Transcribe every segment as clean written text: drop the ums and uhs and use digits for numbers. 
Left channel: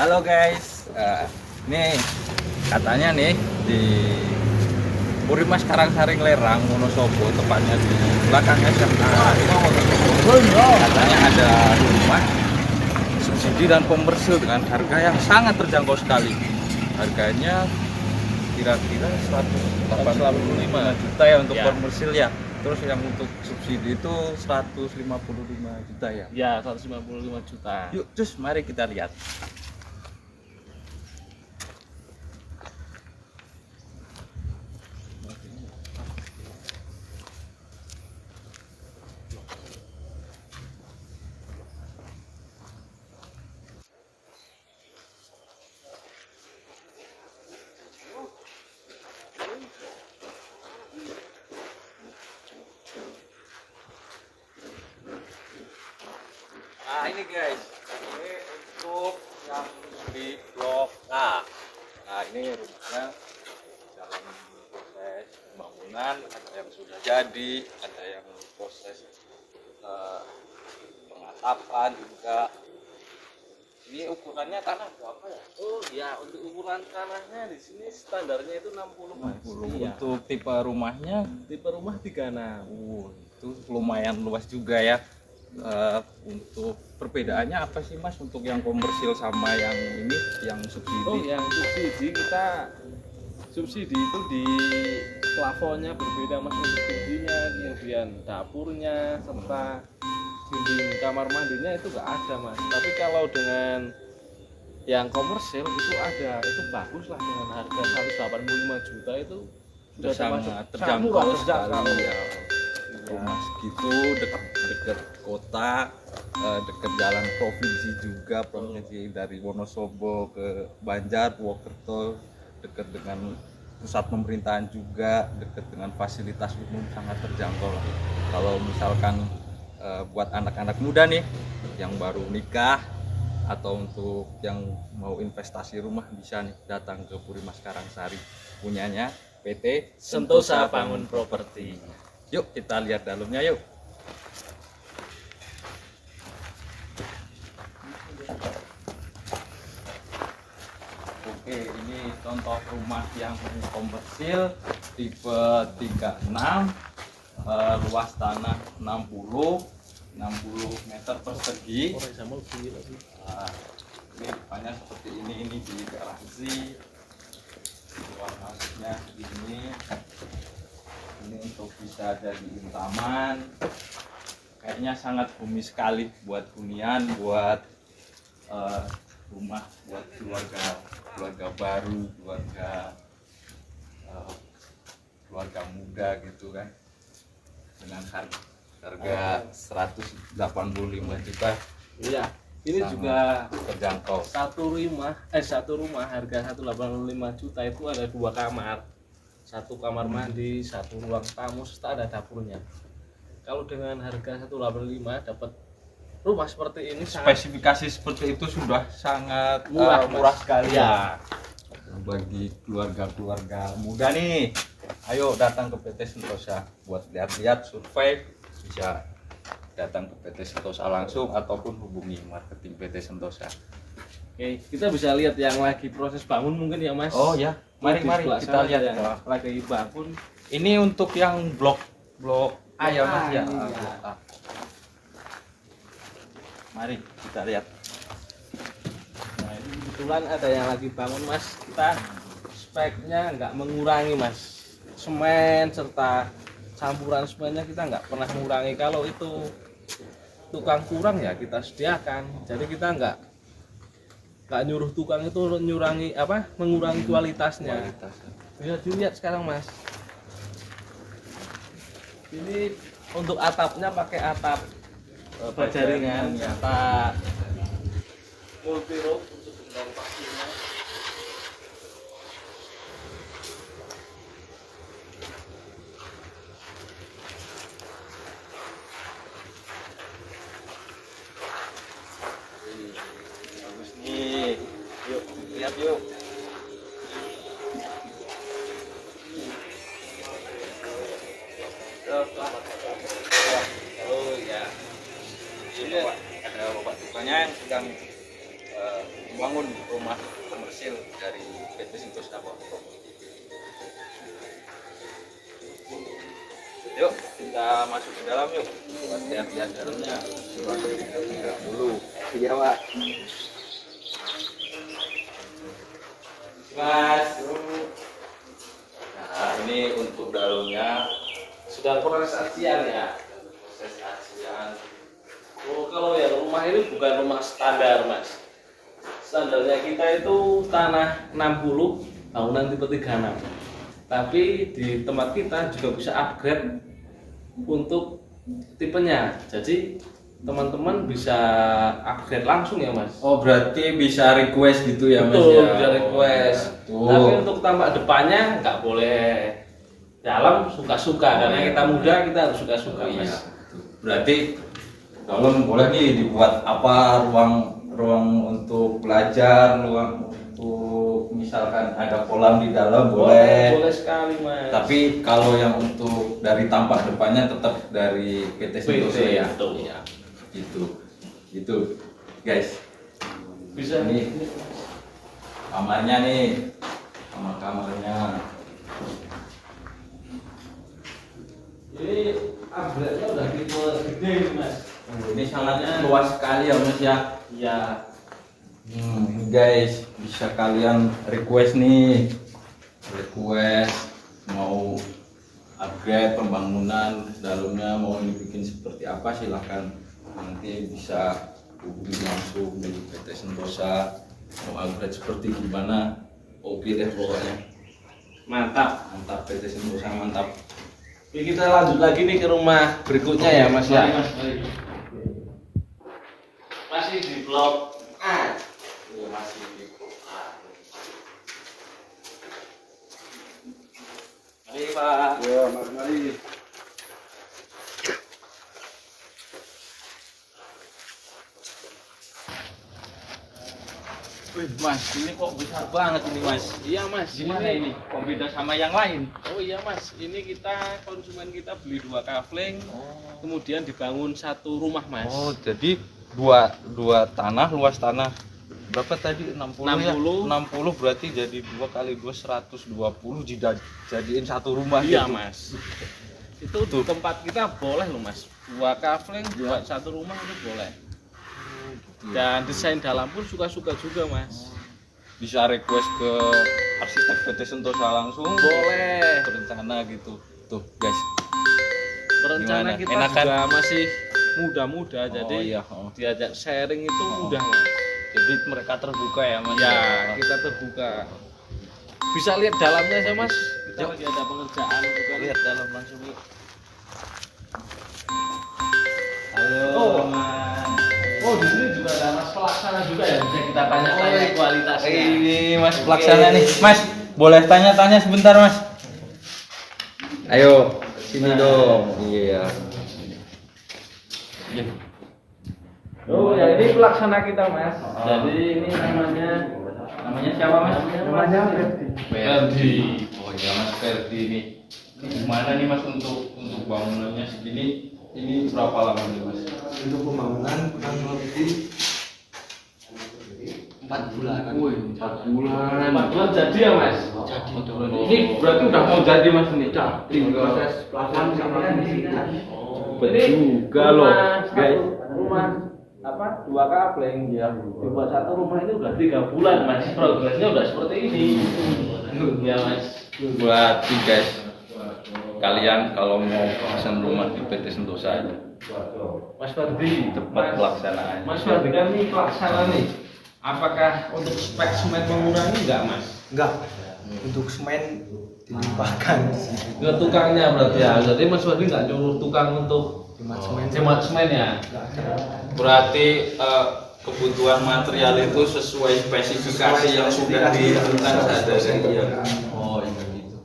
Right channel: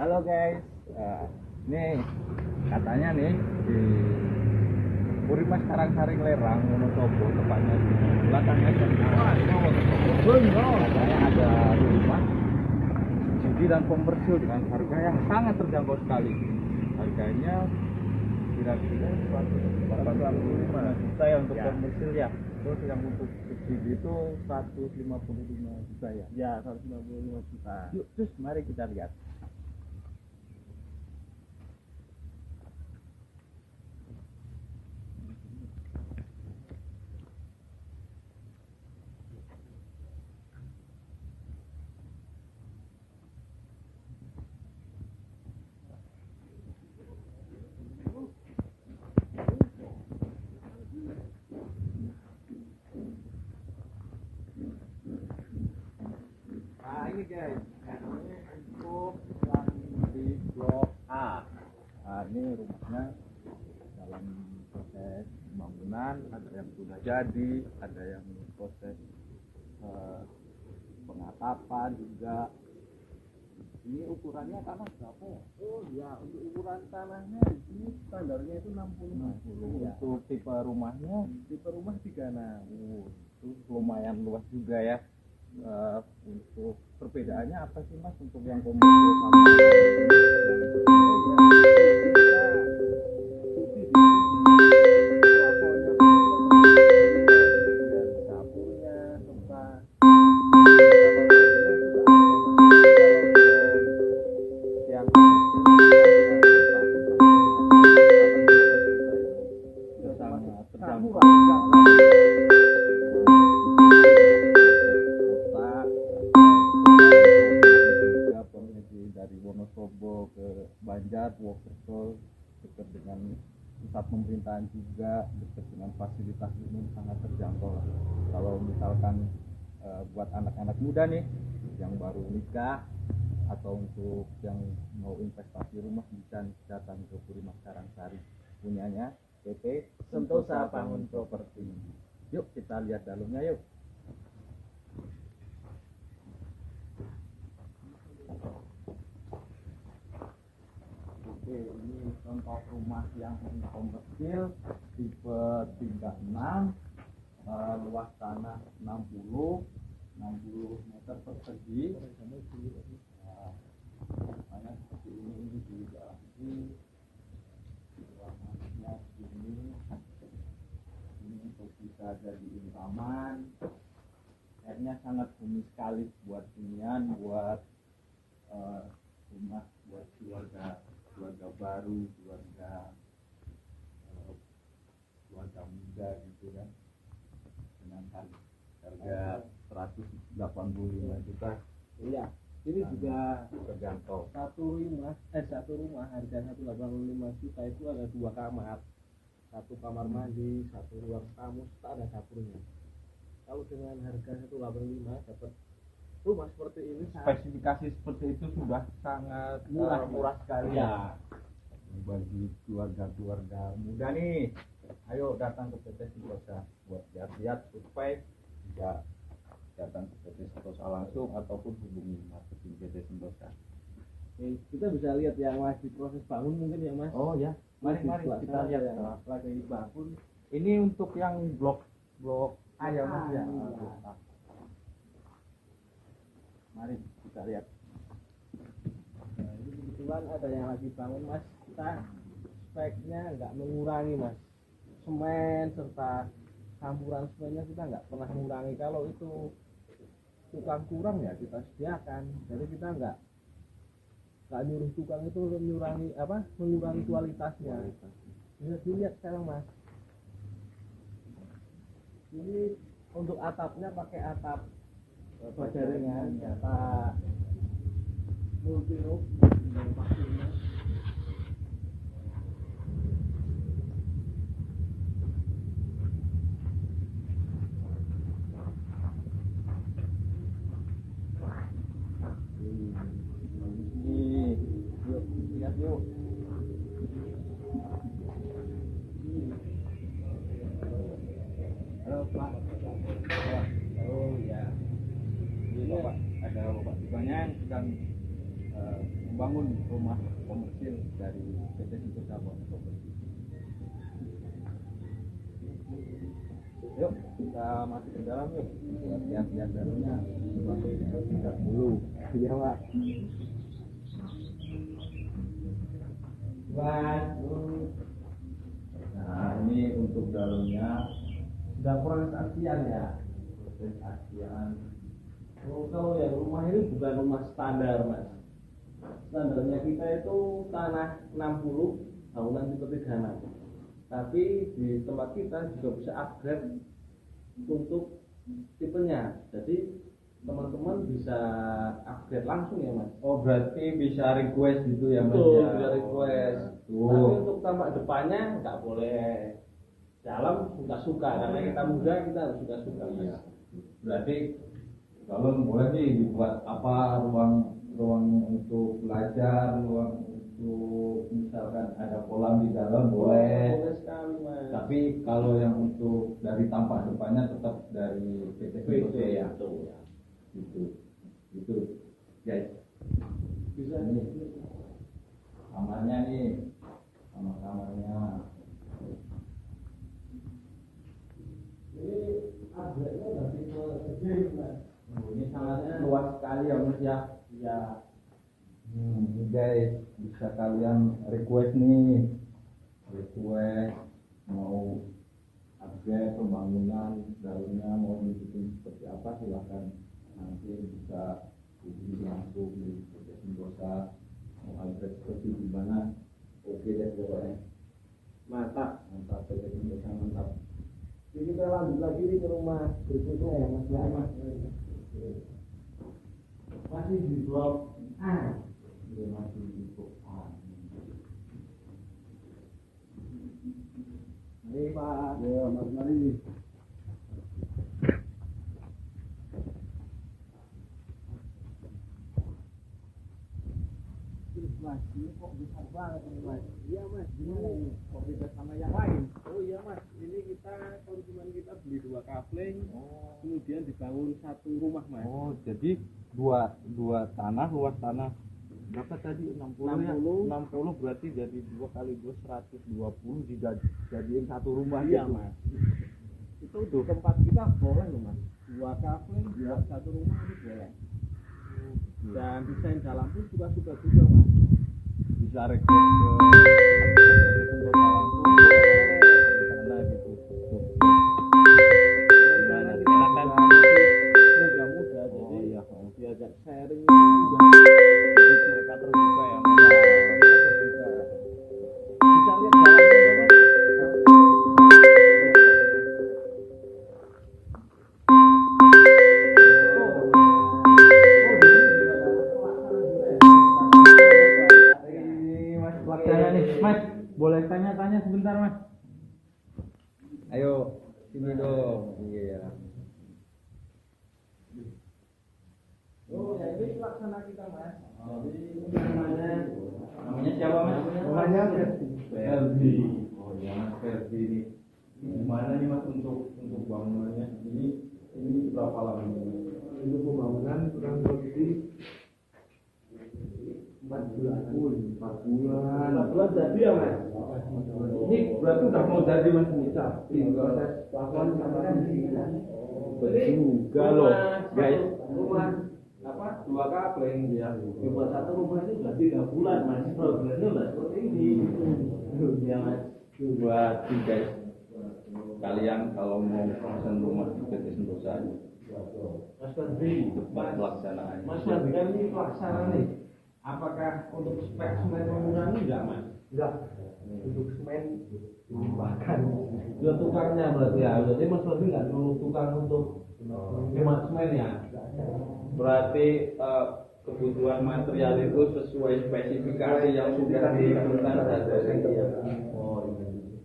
Halo guys, nih katanya nih di Purimas Karangsaring Lerang Wonosobo, tepatnya di belakang SMA Wonosobo, katanya ada rumah subsidi dan komersil dengan harga yang sangat terjangkau sekali. Harganya kira-kira 185 juta ya untuk komersil ya. Terus yang untuk subsidi itu 155 juta ya. Ya, 155 juta. Yuk, cus, mari kita lihat. Nah ini guys, ini untuk yang di blok A. Nah ini rumahnya dalam proses pembangunan, ada yang sudah jadi, ada yang proses pengatapan juga. Ini ukurannya tanah berapa ya? Oh ya, untuk ukuran tanahnya di sini standarnya itu 60 Mas. 60. Iya. Untuk tipe rumahnya, Tipe rumah 36. itu lumayan luas juga ya. Untuk perbedaannya apa sih Mas untuk yang komersil sama yang ini, yang subsidi? Oh, yang subsidi kita subsidi itu di plafonnya berbeda Mas. Subsidinya, kemudian dapurnya serta kamar mandinya itu ada Mas. Tapi kalau dengan yang komersil itu ada, itu bagus lah dengan harga 185 juta itu sudah sangat terjangkau murah, sekali. Segitu dekat kota, dekat jalan provinsi juga, provinsi dari Wonosobo ke Banjar, Purwokerto, dekat dengan pusat pemerintahan juga, dekat dengan fasilitas umum, sangat terjangkau lah. Kalau misalkan buat anak-anak muda nih yang baru nikah atau untuk yang mau investasi rumah, bisa nih datang ke Purimas Karangsari, punyanya PT Sentosa Bangun Properti. Yuk kita lihat dalamnya yuk. Oke, ini contoh rumah yang komersil tipe 36, luas tanah 60 meter persegi. Nah, ini depannya seperti ini di garasi. Luar masuknya ini untuk bisa jadiin taman. Kayaknya sangat bumi sekali buat hunian, buat rumah, buat keluarga baru, keluarga muda gitu kan, dengan harga 185 juta. Iya, ini Sangat juga terjangkau. satu rumah harga 185 juta itu ada 2 kamar. Satu kamar mandi, satu ruang tamu, serta ada dapurnya. Kalau dengan harga 185 dapat rumah seperti ini sangat Spesifikasi seperti itu sudah sangat murah, murah Mas. sekali Ya. bagi keluarga muda nih. Ayo datang ke PT Sentosa buat lihat-lihat, survei, bisa datang ke PT Sentosa langsung ataupun hubungi marketing PT Sentosa. Oke, kita bisa lihat yang lagi proses bangun mungkin ya Mas. Oh ya, mari Di sebelah kita sana lihat yang ya. lagi bangun. Ini untuk yang blok A ya Mas ya. Iya. Blok A. Mari kita lihat. Nah, ini kebetulan ada yang lagi bangun Mas. Kita speknya nggak mengurangi Mas. Semen serta campuran semennya kita nggak pernah mengurangi. Kalau itu tukang kurang ya kita sediakan. Jadi kita nggak nyuruh tukang itu mengurangi kualitasnya. Bisa dilihat sekarang Mas. Ini untuk atapnya pakai atap baja ringan, atap multi roof untuk bentang pastinya. Bagus nih. Yuk lihat yuk. Oh ya. Ini ada bapak tukangnya yang sedang bangun rumah komersil dari PT Sentosa Property. Yuk kita masuk ke dalam yuk, buat lihat-lihat dalamnya. Lihat dulu. Iya Pak. Mas. Nah ini untuk dalamnya Sudah proses acian ya. proses acian. Oh, kalau ya rumah ini bukan rumah standar mas. Standarnya kita itu tanah 60 bangunan tipe 36. Tapi di tempat kita juga bisa upgrade untuk tipenya. Jadi teman-teman bisa upgrade langsung ya mas. Oh berarti bisa request gitu ya Mas Betul, ya? bisa request. Oh, Tapi untuk tampak depannya nggak boleh dalam suka-suka karena kita muda kita harus suka-suka iya. mas. Berarti dalam boleh nih dibuat apa, ruang untuk belajar, ruang untuk misalkan ada kolam di dalam boleh. Boleh sekali mas. Tapi kalau yang untuk dari tampak depannya tetap dari PT Sentosa ya. betul. Iya. Gitu guys. Bisa Ini kamarnya nih, kamarnya. Ini upgrade-nya udah tipe gede ini mas. Ini sangat luas sekali ya Mas ya. Iya. Ini guys, bisa kalian request nih, mau upgrade pembangunan dalamnya, mau dibikin seperti apa silahkan, nanti bisa hubungi langsung di PT Sentosa. Mau upgrade seperti gimana, oke deh pokoknya. Mantap. Mantap, PT Sentosa mantap. Oke, kita lanjut lagi nih ke rumah berikutnya ya mas ya. Mari, Mas, mari. Masih di blok A. Iya, masih di blok A. Mari Pak. Ya, mari. Wih, Mas, ini kok besar banget ini Mas. Iya mas. Gimana ini? Kok beda sama yang lain? Oh iya mas. Ini kita konsumen kita beli 2 kafling, Oh, kemudian dibangun 1 rumah mas. jadi dua tanah, luas tanah berapa tadi? 60 ya? 60 berarti jadi 2 kali 2 120 jadiin satu rumah Iya gitu. mas. Itu di tempat kita boleh loh mas. 2 kafling buat 1 rumah itu boleh. Dan desain dalam pun suka-suka juga mas. Bisa request ke arsitek PT Sentosa langsung, Boleh. berencana gitu. Tuh guys, Rencana Gimana? kita Enakan? juga masih muda-muda, jadi iya. diajak sharing itu mudah. Jadi mereka terbuka ya Mas. Ya, kita terbuka. Bisa lihat dalamnya ya mas. Kita lagi ada pekerjaan. Kita lihat dalam langsung. Oh, oh di sini juga ada mas pelaksana juga ya. Bisa kita tanya kualitasnya. Ini Mas pelaksana nih. Mas, boleh tanya-tanya sebentar Mas? Ayo, sini Nah. dong. Iya. Oh ya ini pelaksana kita mas. Oh. Jadi ini namanya siapa Mas? Namanya Ferdi. Ferdi. Oh iya Mas Ferdi nih. Gimana nih Mas untuk bangunannya segini? Ini berapa lama nih Mas? Untuk pembangunan kurang lebih 4 bulan. Wih, 4 bulan. 4 bulan jadi ya mas. Jadi Ini berarti udah mau jadi Mas ini? tinggal proses pelaksanaan sama ini. Betul juga rumah loh, satu- guys. Rumah apa 2 kafling ya. Dibuat 1 rumah itu udah 3 bulan mas. Progresnya udah seperti ini. Ya mas. Berarti guys, kalian kalau mau pesan rumah di PT Sentosa aja. Mas Ferdi, Tepat pelaksanaannya. Mas Ferdi kan ini pelaksana nih. Apakah untuk spek semen mengurangi enggak mas? Enggak. Untuk semen dilimpahkan di sini. Ke tukangnya berarti ya. Jadi Mas Ferdi nggak nyuruh tukang untuk Hemat semen. hemat semen ya. Enggak ada. Berarti kebutuhan material itu sesuai spesifikasi yang sudah ditentukan seadanya. Oh iya gitu.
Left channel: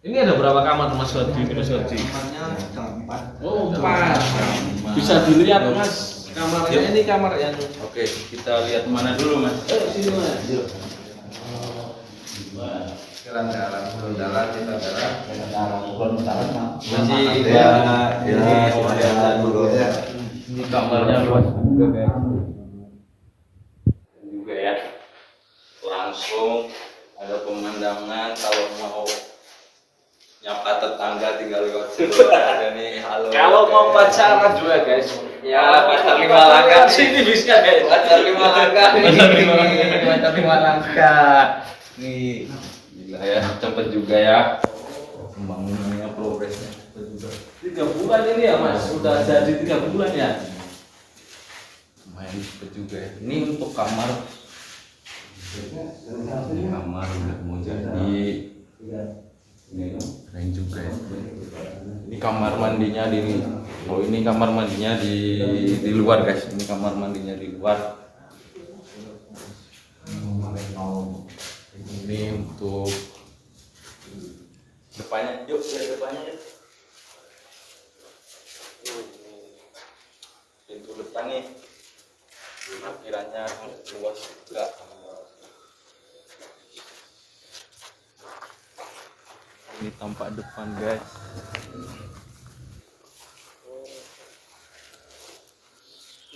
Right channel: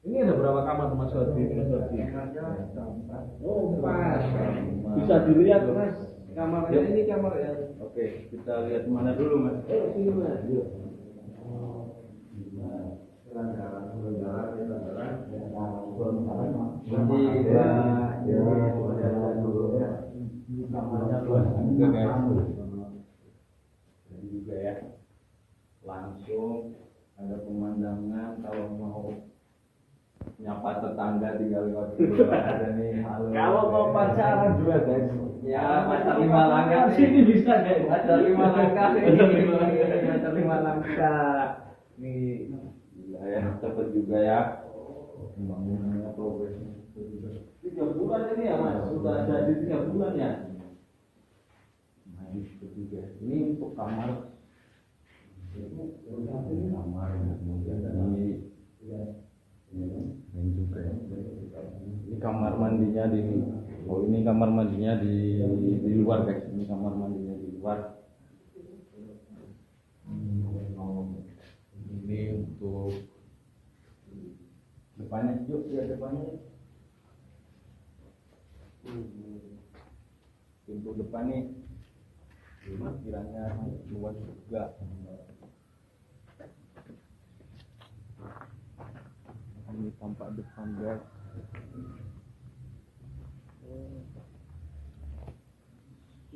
Ini ada berapa kamar Mas Ferdi? Ini Mas Ferdi. Kamarnya ada 4. Oh, 4. Bisa dilihat Mas. Kamarnya Yuk. ini kamar yang Oke, kita lihat mana dulu Mas? sini Mas. Yuk. Masih ini Ini kamarnya luas juga guys. juga ya. langsung, ada pemandangan. Kalau mau nyapa tetangga tinggal lewat keluar ada nih. Halo. Kalau mau pacaran juga guys. Ya, pacar 5 langkah sini bisa guys. Pacar 5 langkah nih. Pacar 5 langkah. Nih, gila ya, cepet juga ya. Pembangunannya progresnya cepet juga. 3 bulan ini ya mas, sudah jadi 3 bulan ya. Lumayan cepet juga ya. Ini untuk kamar. Ini kamar udah mau jadi. Ini keren juga ya. Ini kamar mandinya di. Oh ini kamar mandinya di luar guys. Ini kamar mandinya di luar. Ini untuk depannya. Yuk lihat depannya ya. Pintu depan nih. Kiranya luas juga. Ini tampak depan guys.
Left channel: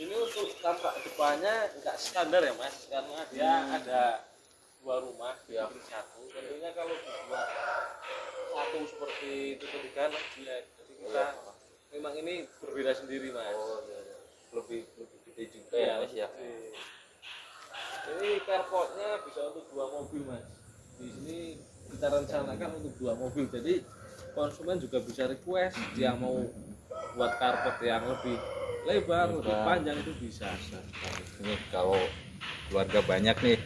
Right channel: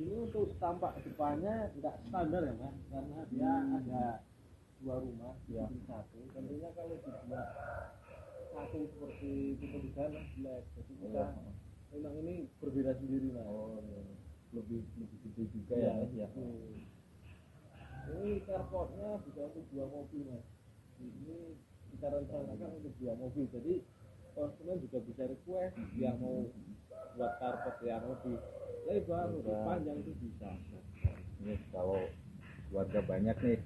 Ini untuk tampak depannya nggak standar ya mas, karena dia ada 2 rumah bikin satu. Tentunya kalau dibuat satu seperti itu ketiga jelek. Jadi kita memang ini berbeda sendiri mas. Lebih gede juga Iya, ya mas ya. gede. Ini carportnya bisa untuk 2 mobil mas. Di sini kita rencanakan untuk 2 mobil, jadi konsumen juga bisa request dia mau buat carport yang lebih lebar, lebih panjang itu bisa. Ini kalau keluarga banyak nih,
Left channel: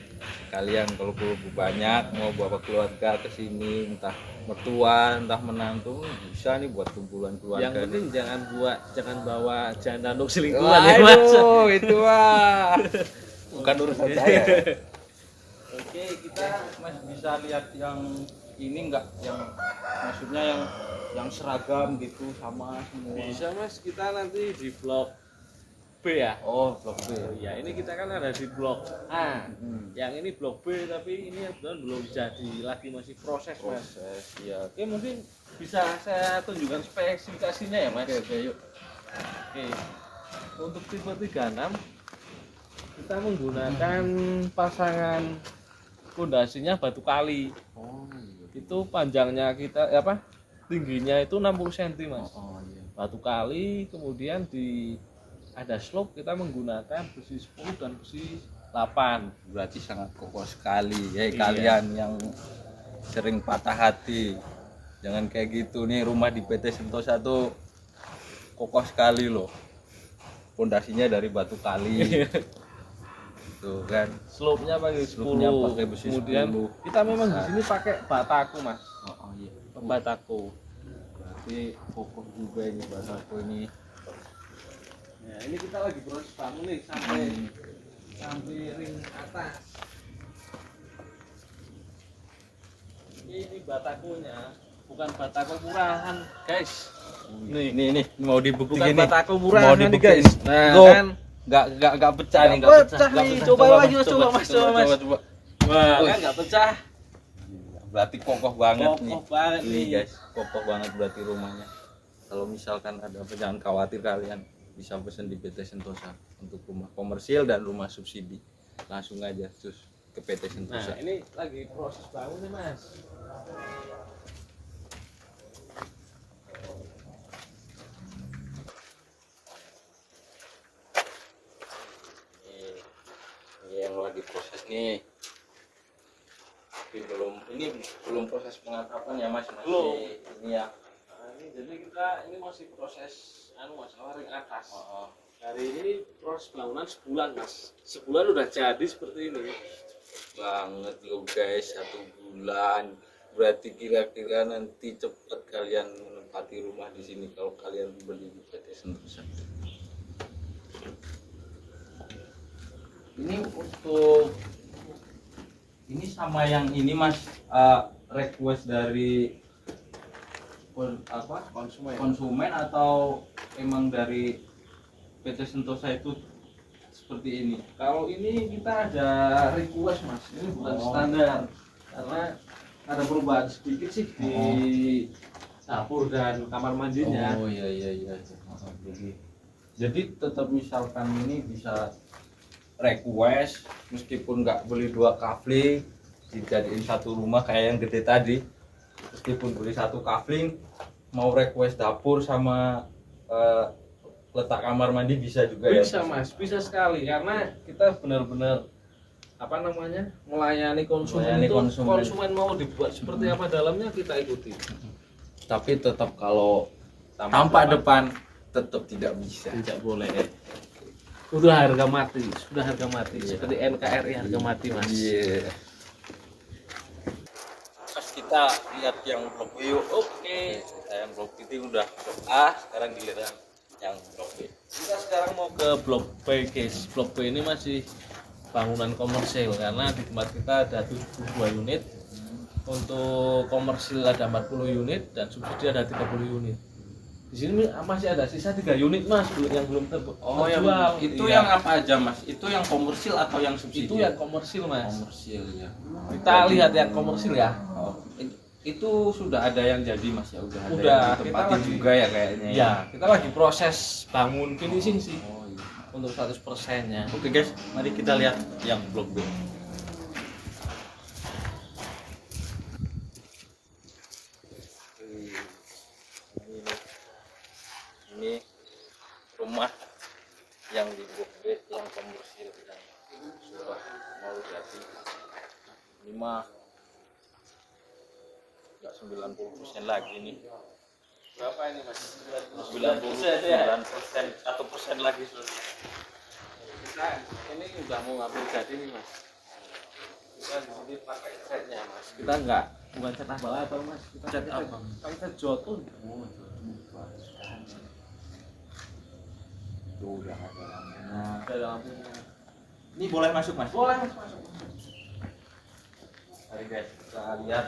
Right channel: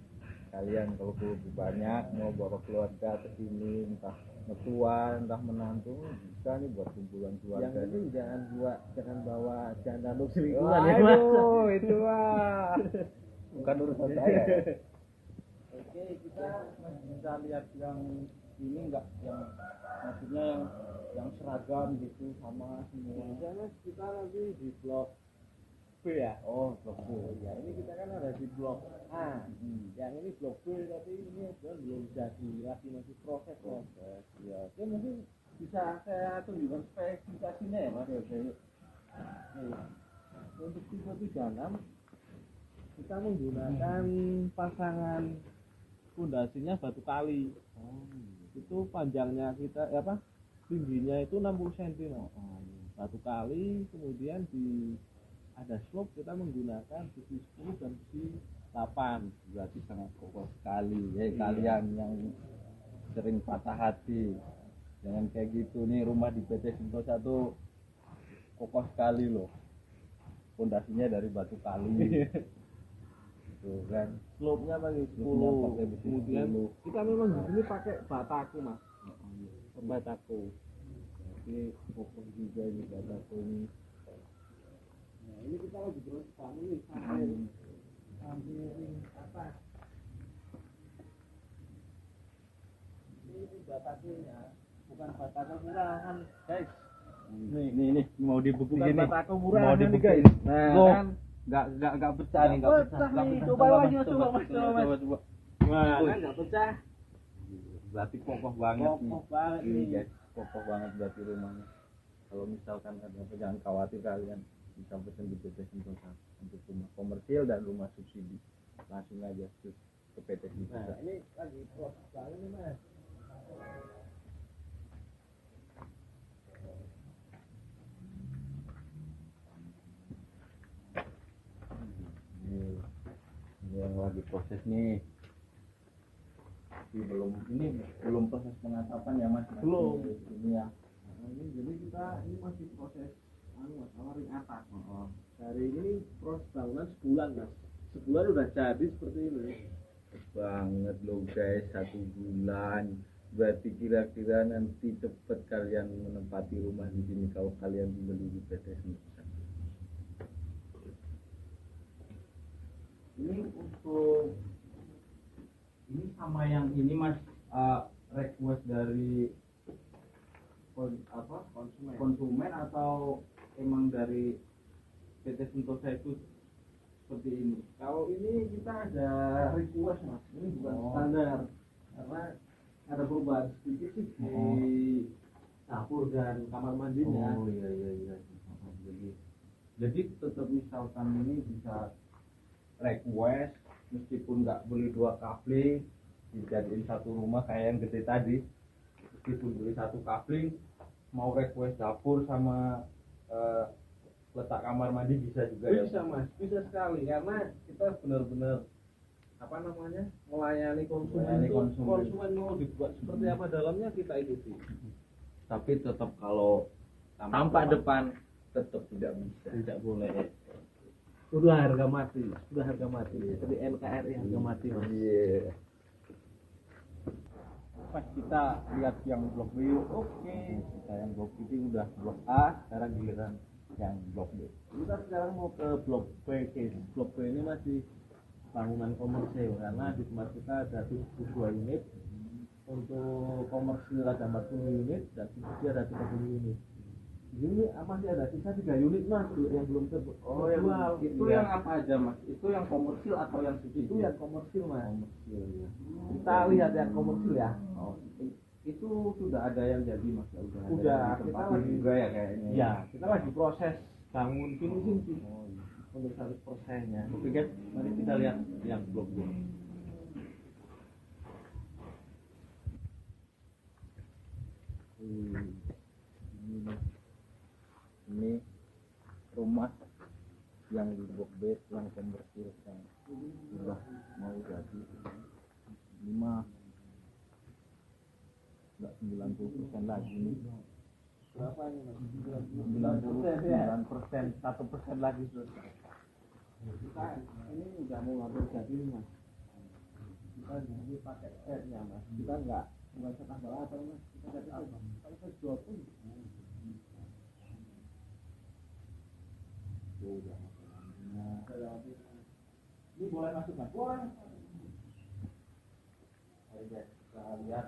kalian kalau keluarga banyak mau bawa keluarga ke sini, entah mertua, entah menantu, bisa nih buat kumpulan keluarga. Yang penting jangan bawa janda untuk selingkuhan ya mas. Waduh, itu mah bukan urusan saya. Oke, kita masih bisa lihat yang ini enggak, yang maksudnya yang seragam gitu sama semua. Bisa mas, kita nanti di blok B ya. Oh, blok B. Oh iya, ini kita kan ada di blok A. Yang ini blok B, tapi ini belum jadi, lagi masih proses mas. Ya. Oke, mungkin bisa saya tunjukkan spesifikasinya ya mas. Oke, yuk. Oke, untuk tipe 36 kita menggunakan pasangan pondasinya batu kali. Oh, iya. Itu panjangnya kita tingginya itu 60 cm mas. Oh, iya. Batu kali, kemudian ada slope, kita menggunakan besi 10 dan besi 8. Berarti sangat kokoh sekali ya. Iya. Kalian yang sering patah hati, jangan kayak gitu nih. Rumah di PT Sentosa tuh kokoh sekali loh, pondasinya dari batu kali. Tuh kan, Slope-nya pakai 10. Slope-nya pakai besi Kemudian 10. kita memang di sini pakai bataku mas. oh iya, Bataku. berarti kokoh juga ini bataku ini. Nah, ini kita lagi proses bangun nih sampai ring atas. Ini batakunya, bukan bataku murahan, guys. Nih mau dibuktiin Bukan nih. bataku Mau murahan nih, dibuktiin. guys. Nah, Tuh, kan nggak pecah nih, nggak pecah nih. Coba lagi, mas, coba, mas. coba. Wah, Wih. kan nggak pecah. Berarti kokoh banget nih. Kokoh banget Ini nih. guys, kokoh banget berarti rumahnya. Kalau misalkan ada apa, jangan khawatir, kalian bisa pesen di PT Sentosa untuk rumah komersil dan rumah subsidi. Langsung aja terus ke PT Nah, Sentosa. ini lagi proses bangun nih, mas. Ini yang lagi proses nih. Tapi belum proses pengantapan ya mas. Masih Belum. Ini ya. Nah, ini jadi ini masih proses mas, ring atas. Oh. Hari ini proses bangunan sebulan mas. Sebulan udah jadi seperti ini. Banget lo guys, 1 bulan. Berarti kira-kira nanti cepet kalian menempati rumah di sini kalau kalian beli di PT Sentosa. Ini untuk ini sama yang ini mas, request dari konsumen atau emang dari PT Sentosa itu seperti ini? Kalau ini kita ada request mas, ini bukan standar karena ada perubahan sedikit sih di dapur dan kamar mandinya. Oh iya. Jadi tetap misalkan ini bisa request meskipun nggak beli 2 kafling, dijadiin satu rumah kayak yang gede tadi. Meskipun beli satu kafling, mau request dapur sama letak kamar mandi bisa juga ya. Bisa Mas, bisa sekali karena kita benar-benar apa namanya melayani konsumen. Melayani itu konsumen. konsumen mau dibuat seperti apa dalamnya kita ikuti. Tapi tetap kalau tampak depan tetap tidak bisa. Tidak boleh. Sudah harga mati, sudah harga mati. Seperti NKRI harga mati Mas. Iya. Mas kita lihat yang blok B yuk. Oke. Kita yang blok itu udah blok A, sekarang giliran yang blok B. Kita sekarang mau ke blok B guys. Blok B ini masih bangunan komersil karena di tempat kita ada 72 unit. Untuk komersil ada 40 unit dan subsidi ada 30 unit. Di sini masih ada sisa 3 unit Mas yang belum terjual. Oh ya, itu Iya. yang apa aja Mas? Itu yang komersil atau yang subsidi? Itu yang komersil Mas. komersil ya. Kita lihat yang komersil ya. Oh, itu sudah ada yang jadi Mas ya, udah ada Udah, yang ditempatin kita lagi- juga ya kayaknya. Ya, kita lagi proses bangun finishing sih Oh iya. untuk 100%-nya. Oke guys, mari kita lihat yang blok B. Ini rumah yang di blok B yang komersil yang sudah mau jadi. Ini mah nggak 90% lagi nih. Berapa ini Mas? 99%, 1% lagi sudah. Kita ini udah mau ngambil jadi nih Mas. Kita di sini pakai catnya Mas. Kita enggak bukan cat abal-abal Mas. Kita catnya apa? pakai cat jotun. Tuh udah ada lampunya. Ada lampunya. Ini boleh masuk Mas? Boleh Mas masuk. Mari guys, kita lihat.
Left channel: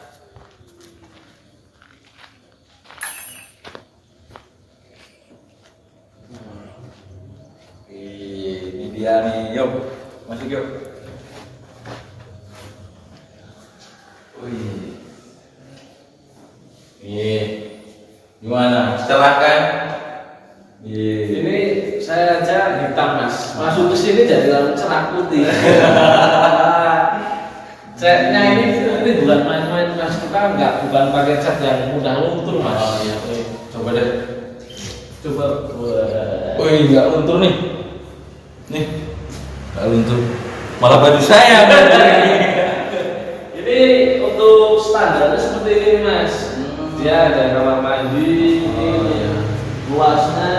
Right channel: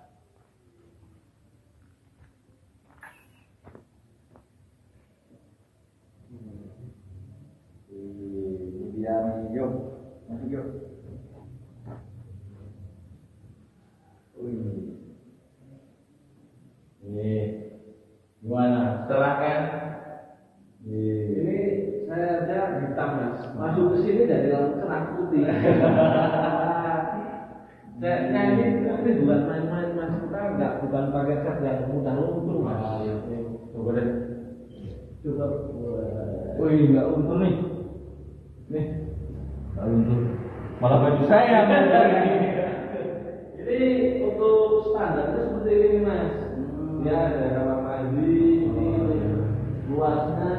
Ini dia nih, yuk masuk yuk. Wih, nih gimana? Cerah kan? Ini saya aja hitam Mas. Masuk ke sini jadi langsung cerah putih. Catnya ini bukan main-main Mas. Kita enggak bukan pakai cat yang mudah luntur Mas. Oh, iya. Coba deh. Coba. Wah. Wih, nggak luntur nih. Nih, nggak luntur. Malah baju saya. Ini untuk standarnya seperti ini Mas. Dia ada kamar mandi. Oh, iya. Luasnya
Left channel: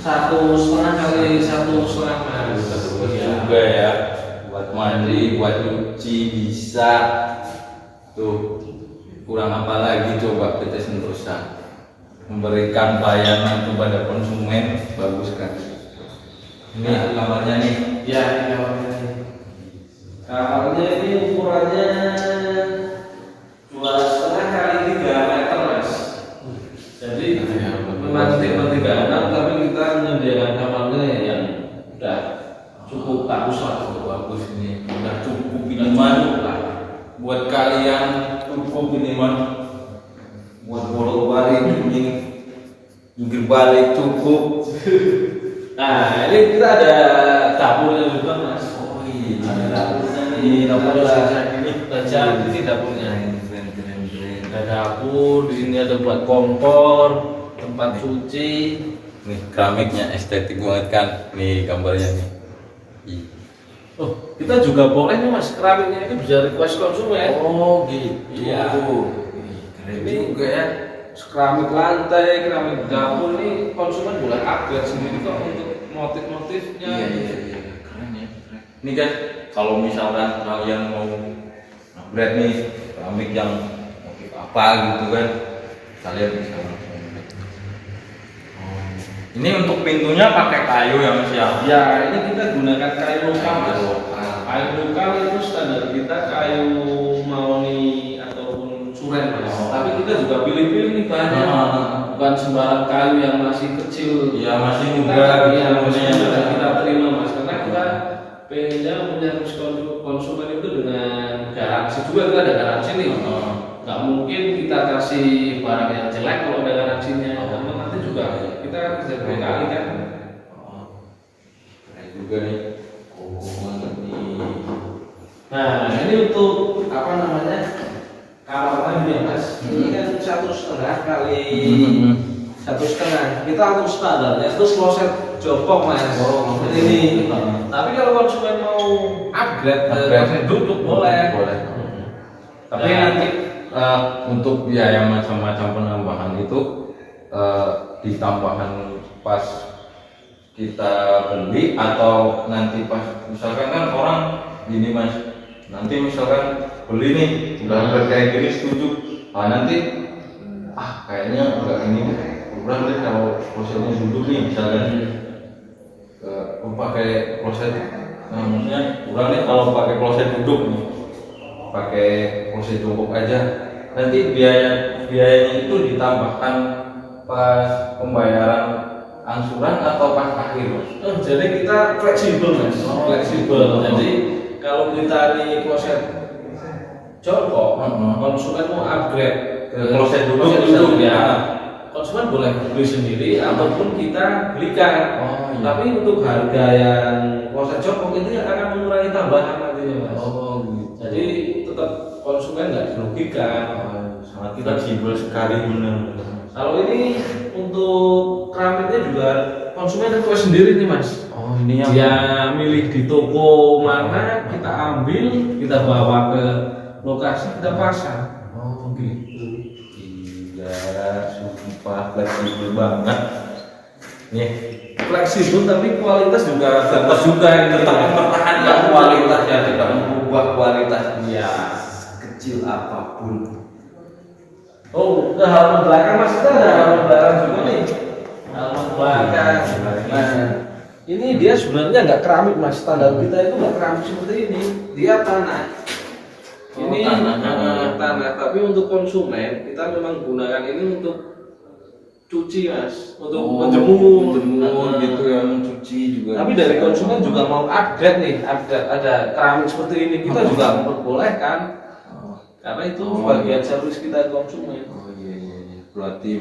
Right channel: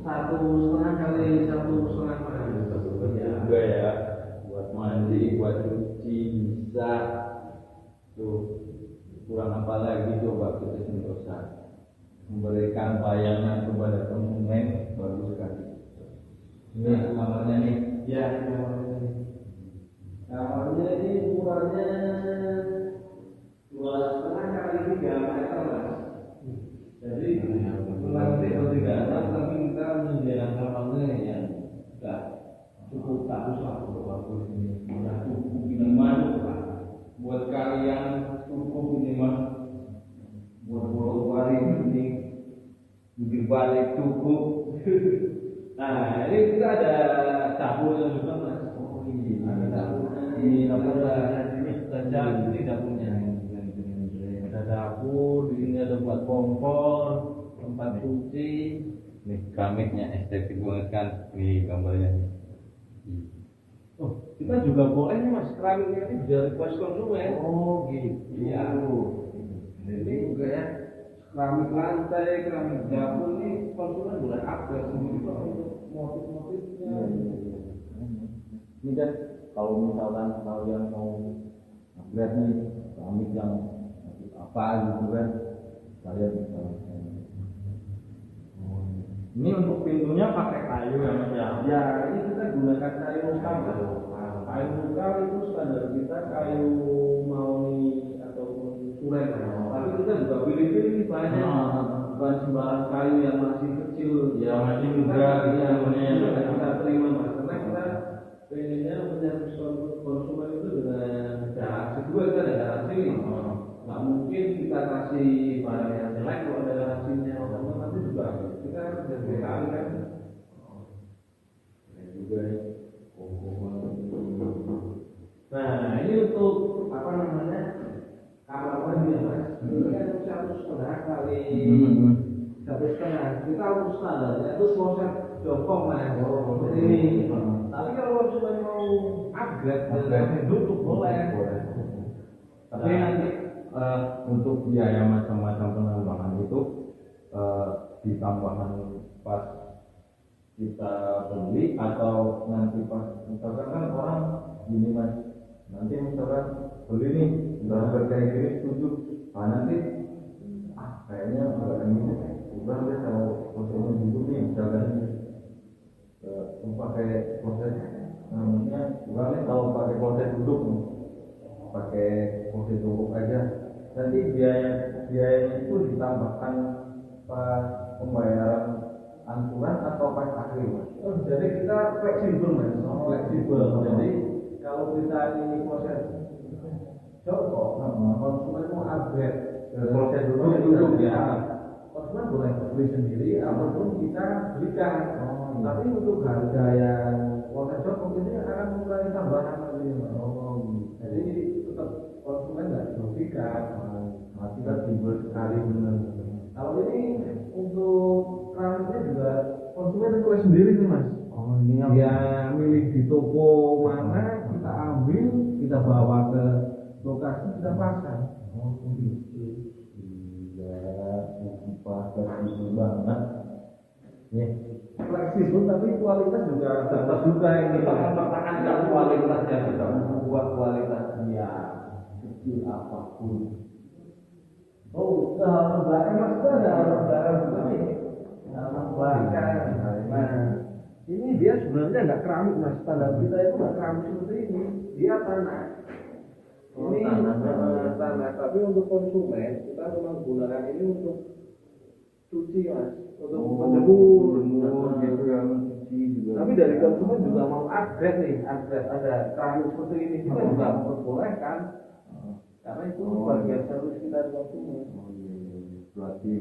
1,5 kali 1,5 Mas. Juga ya, buat mandi, buat cuci bisa. Tuh, kurang apa lagi coba PT Sentosa memberikan pelayanan kepada konsumen bagus kan. Ini kamarnya nih. Ya, ini kamarnya nih. Kamarnya ini ukurannya 2,5 kali 3 meter Mas. Jadi memang tipe 36 tapi kita menyediakan kamarnya yang udah cukup bagus lah. Bagus ini, udah cukup minuman buat kalian, cukup minuman buat bolak-balik jungkir balik cukup. Nah, ini kita ada dapurnya juga Mas. Oh iya, Ada dapurnya nih. Ini dapurnya Ada- kayak gini. Ada ini dapurnya. Keren. Ada dapur, di sini ada buat kompor, tempat cuci. Nih keramiknya estetik banget kan. Nih gambarnya nih. Ih. Oh, kita juga boleh nih Mas, keramiknya ini bisa request konsumen. Oh gitu. Iya. Keren Ini juga ya. keramik lantai, keramik dapur nih konsumen boleh upgrade sendiri kok untuk motif-motifnya. Iya. Keren ya. Keren. Ini kan kalau misalkan kalian mau upgrade nih keramik yang motif apa gitu kan, kalian bisa langsung. Ini untuk pintunya pakai kayu ya Mas ya? Ya, ini kita gunakan kayu lokal Mas. Kayu lokal. Kayu lokal itu standar kita kayu mahoni ataupun suren Mas. Oh. Tapi kita juga pilih-pilih nih bahannya. Bukan sembarang kayu yang masih kecil. Iya, masih Kita- muda gitu iya, masih namanya. muda kita terima Mas. Karena kita pengennya punya konsumen itu dengan garansi juga, kita ada garansi nih. Nggak mungkin kita kasih barang yang jelek kalau ada garansinya. Karena nanti juga kita kan kerja berkali kan. Keren juga nih. Oh banget nih. Nah, ini untuk 1,5 kali 1,5. Kita atur standarnya itu kloset jongkok mas. Ini. Tapi kalau konsumen mau upgrade ke kloset duduk boleh. Tapi nanti untuk biaya macam-macam penambahan itu ditambahkan pas kita beli atau nanti pas misalkan kan orang gini mas, nanti misalkan beli nih udah kayak gini setuju, nanti kayaknya enggak ini kurang deh kalau klosetnya duduk nih misalkan pakai kloset, maksudnya kurang nih kalau pakai kloset duduk nih, pakai kloset jongkok aja, nanti biayanya itu ditambahkan pas pembayaran angsuran atau pas akhir mas? Jadi kita fleksibel mas, fleksibel. Jadi kalau kita di kloset jongkok, konsumen mau upgrade ke kloset duduk ya, konsumen boleh beli sendiri ataupun kita belikan. Tapi untuk harga yang kloset jongkok itu yang akan mengurangi tambahan nantinya mas. Gitu. Jadi tetap konsumen nggak dirugikan. Sangat fleksibel sekali benar. Kalau ini untuk keramiknya juga konsumen request sendiri nih mas. Ini yang Dia milih di toko mana, kita ambil, kita bawa ke lokasi, kita pasang. Gitu. Iya, sumpah fleksibel banget. Nih, Fleksibel tapi kualitas juga bagus juga ini. tetap mempertahankan kualitasnya, tidak mengubah kualitasnya kecil apapun. Oh, ke halaman belakang mas, kita ada halaman belakang juga nih. Halaman belakang. Nah, ini dia sebenarnya nggak keramik mas. Standar kita itu nggak keramik seperti ini. Dia tanah. Ini tanah. Tapi untuk konsumen kita memang gunakan ini untuk cuci mas, untuk menjemur gitu ya, mencuci juga. Tapi dari konsumen juga mau upgrade nih, ada keramik seperti ini, kita juga memperbolehkan. Karena itu bagian servis kita ke konsumen. Iya. Berarti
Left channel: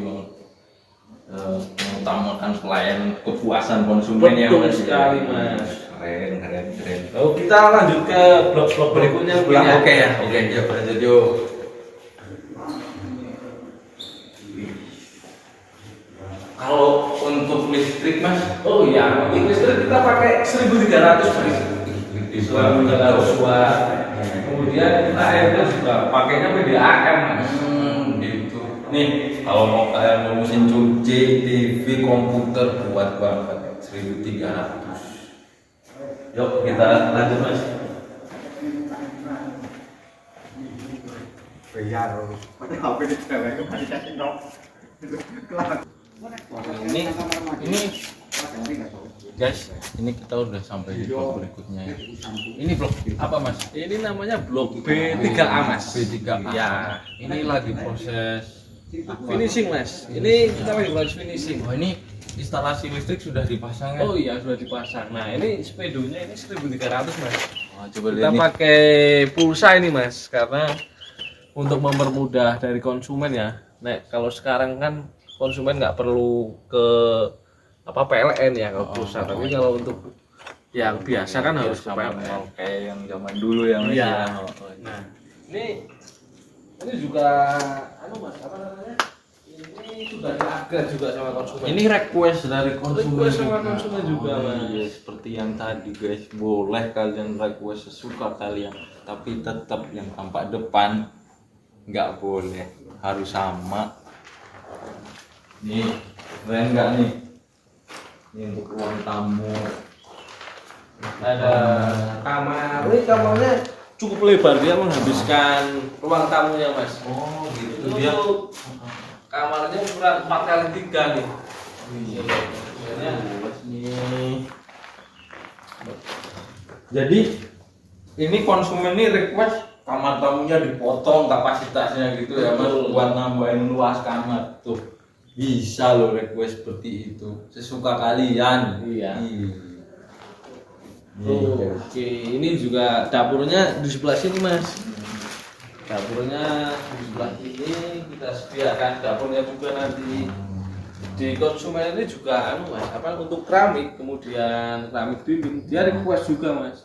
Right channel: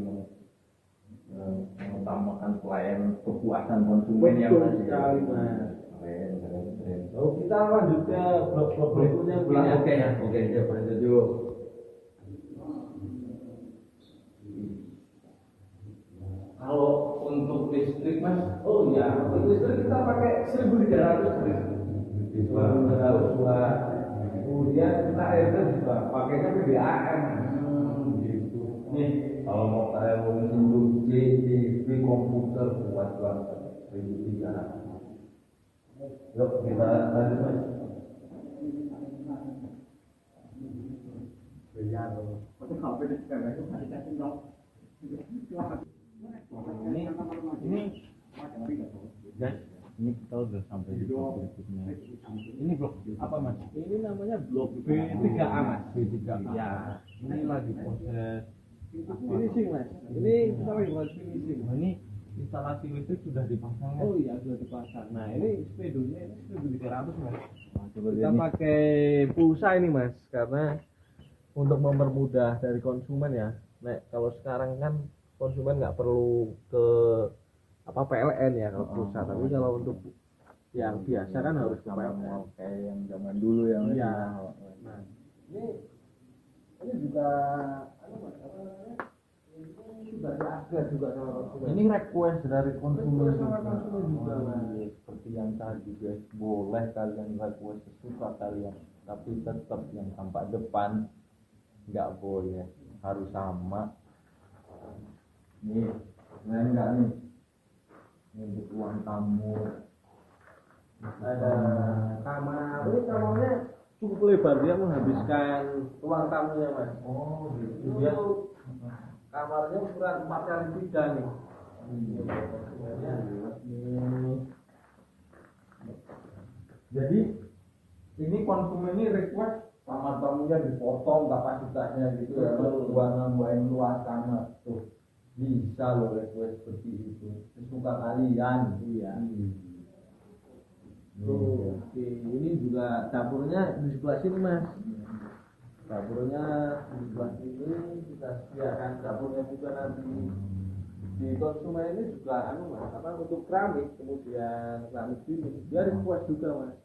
mengutamakan pelayanan kepuasan konsumen ya Betul mas. sekali mas. Keren. Oh, kita lanjut ke blok-blok berikutnya. Oke, yuk lanjut yuk. Kalau untuk listrik mas, Oh iya, untuk listrik kita pakai 1.300 mas. 1.300 watt. Kemudian kita airnya juga pakainya PDAM mas. Gitu. Nih, kalau mau kayak mesin cuci, TV, komputer kuat banget 1.300. Yuk kita lanjut mas. Ini guys, ini kita udah sampai di blok berikutnya ya. Ini blok apa mas? Ini namanya blok B3A mas. B3A. Ya, Ini lagi proses finishing mas. Ini kita lagi proses finishing. ini instalasi listrik sudah dipasang ya? Oh iya sudah dipasang. Nah ini sepedonya ini 1.300 mas. Coba Kita lihat nih. pakai pulsa ini mas, karena untuk mempermudah dari konsumen ya. Nek kalau sekarang kan konsumen nggak perlu ke PLN ya kalau pulsa, tapi kalau untuk yang biasa kan harus ke sama PLN. kayak yang zaman dulu ya mas. Iya. Ya. Nah ini juga mas apa namanya? Ini sudah di-upgrade juga sama konsumen. Ini request dari konsumen. Request sama konsumen juga, Mas. Iya, seperti yang tadi guys, boleh kalian request sesuka kalian, tapi tetap yang tampak depan nggak boleh, harus sama. Nih, keren nggak nih? Ini untuk ruang tamu. Ada kamar. Ini kamarnya cukup lebar, dia menghabiskan ruang tamunya mas. Oh gitu. Itu Dia kamarnya ukuran 4x3 nih. luas nih. Jadi ini konsumen ini request kamar tamunya dipotong kapasitasnya gitu ya mas, Betul. buat nambahin luas kamar tuh. Bisa loh request seperti itu, sesuka kalian. Iya. Iya. Oke, ini juga dapurnya di sebelah sini mas. Dapurnya di sebelah ini kita sediakan dapurnya juga nanti. Di konsumen ini juga mas, untuk keramik, kemudian keramik dinding dia request juga mas.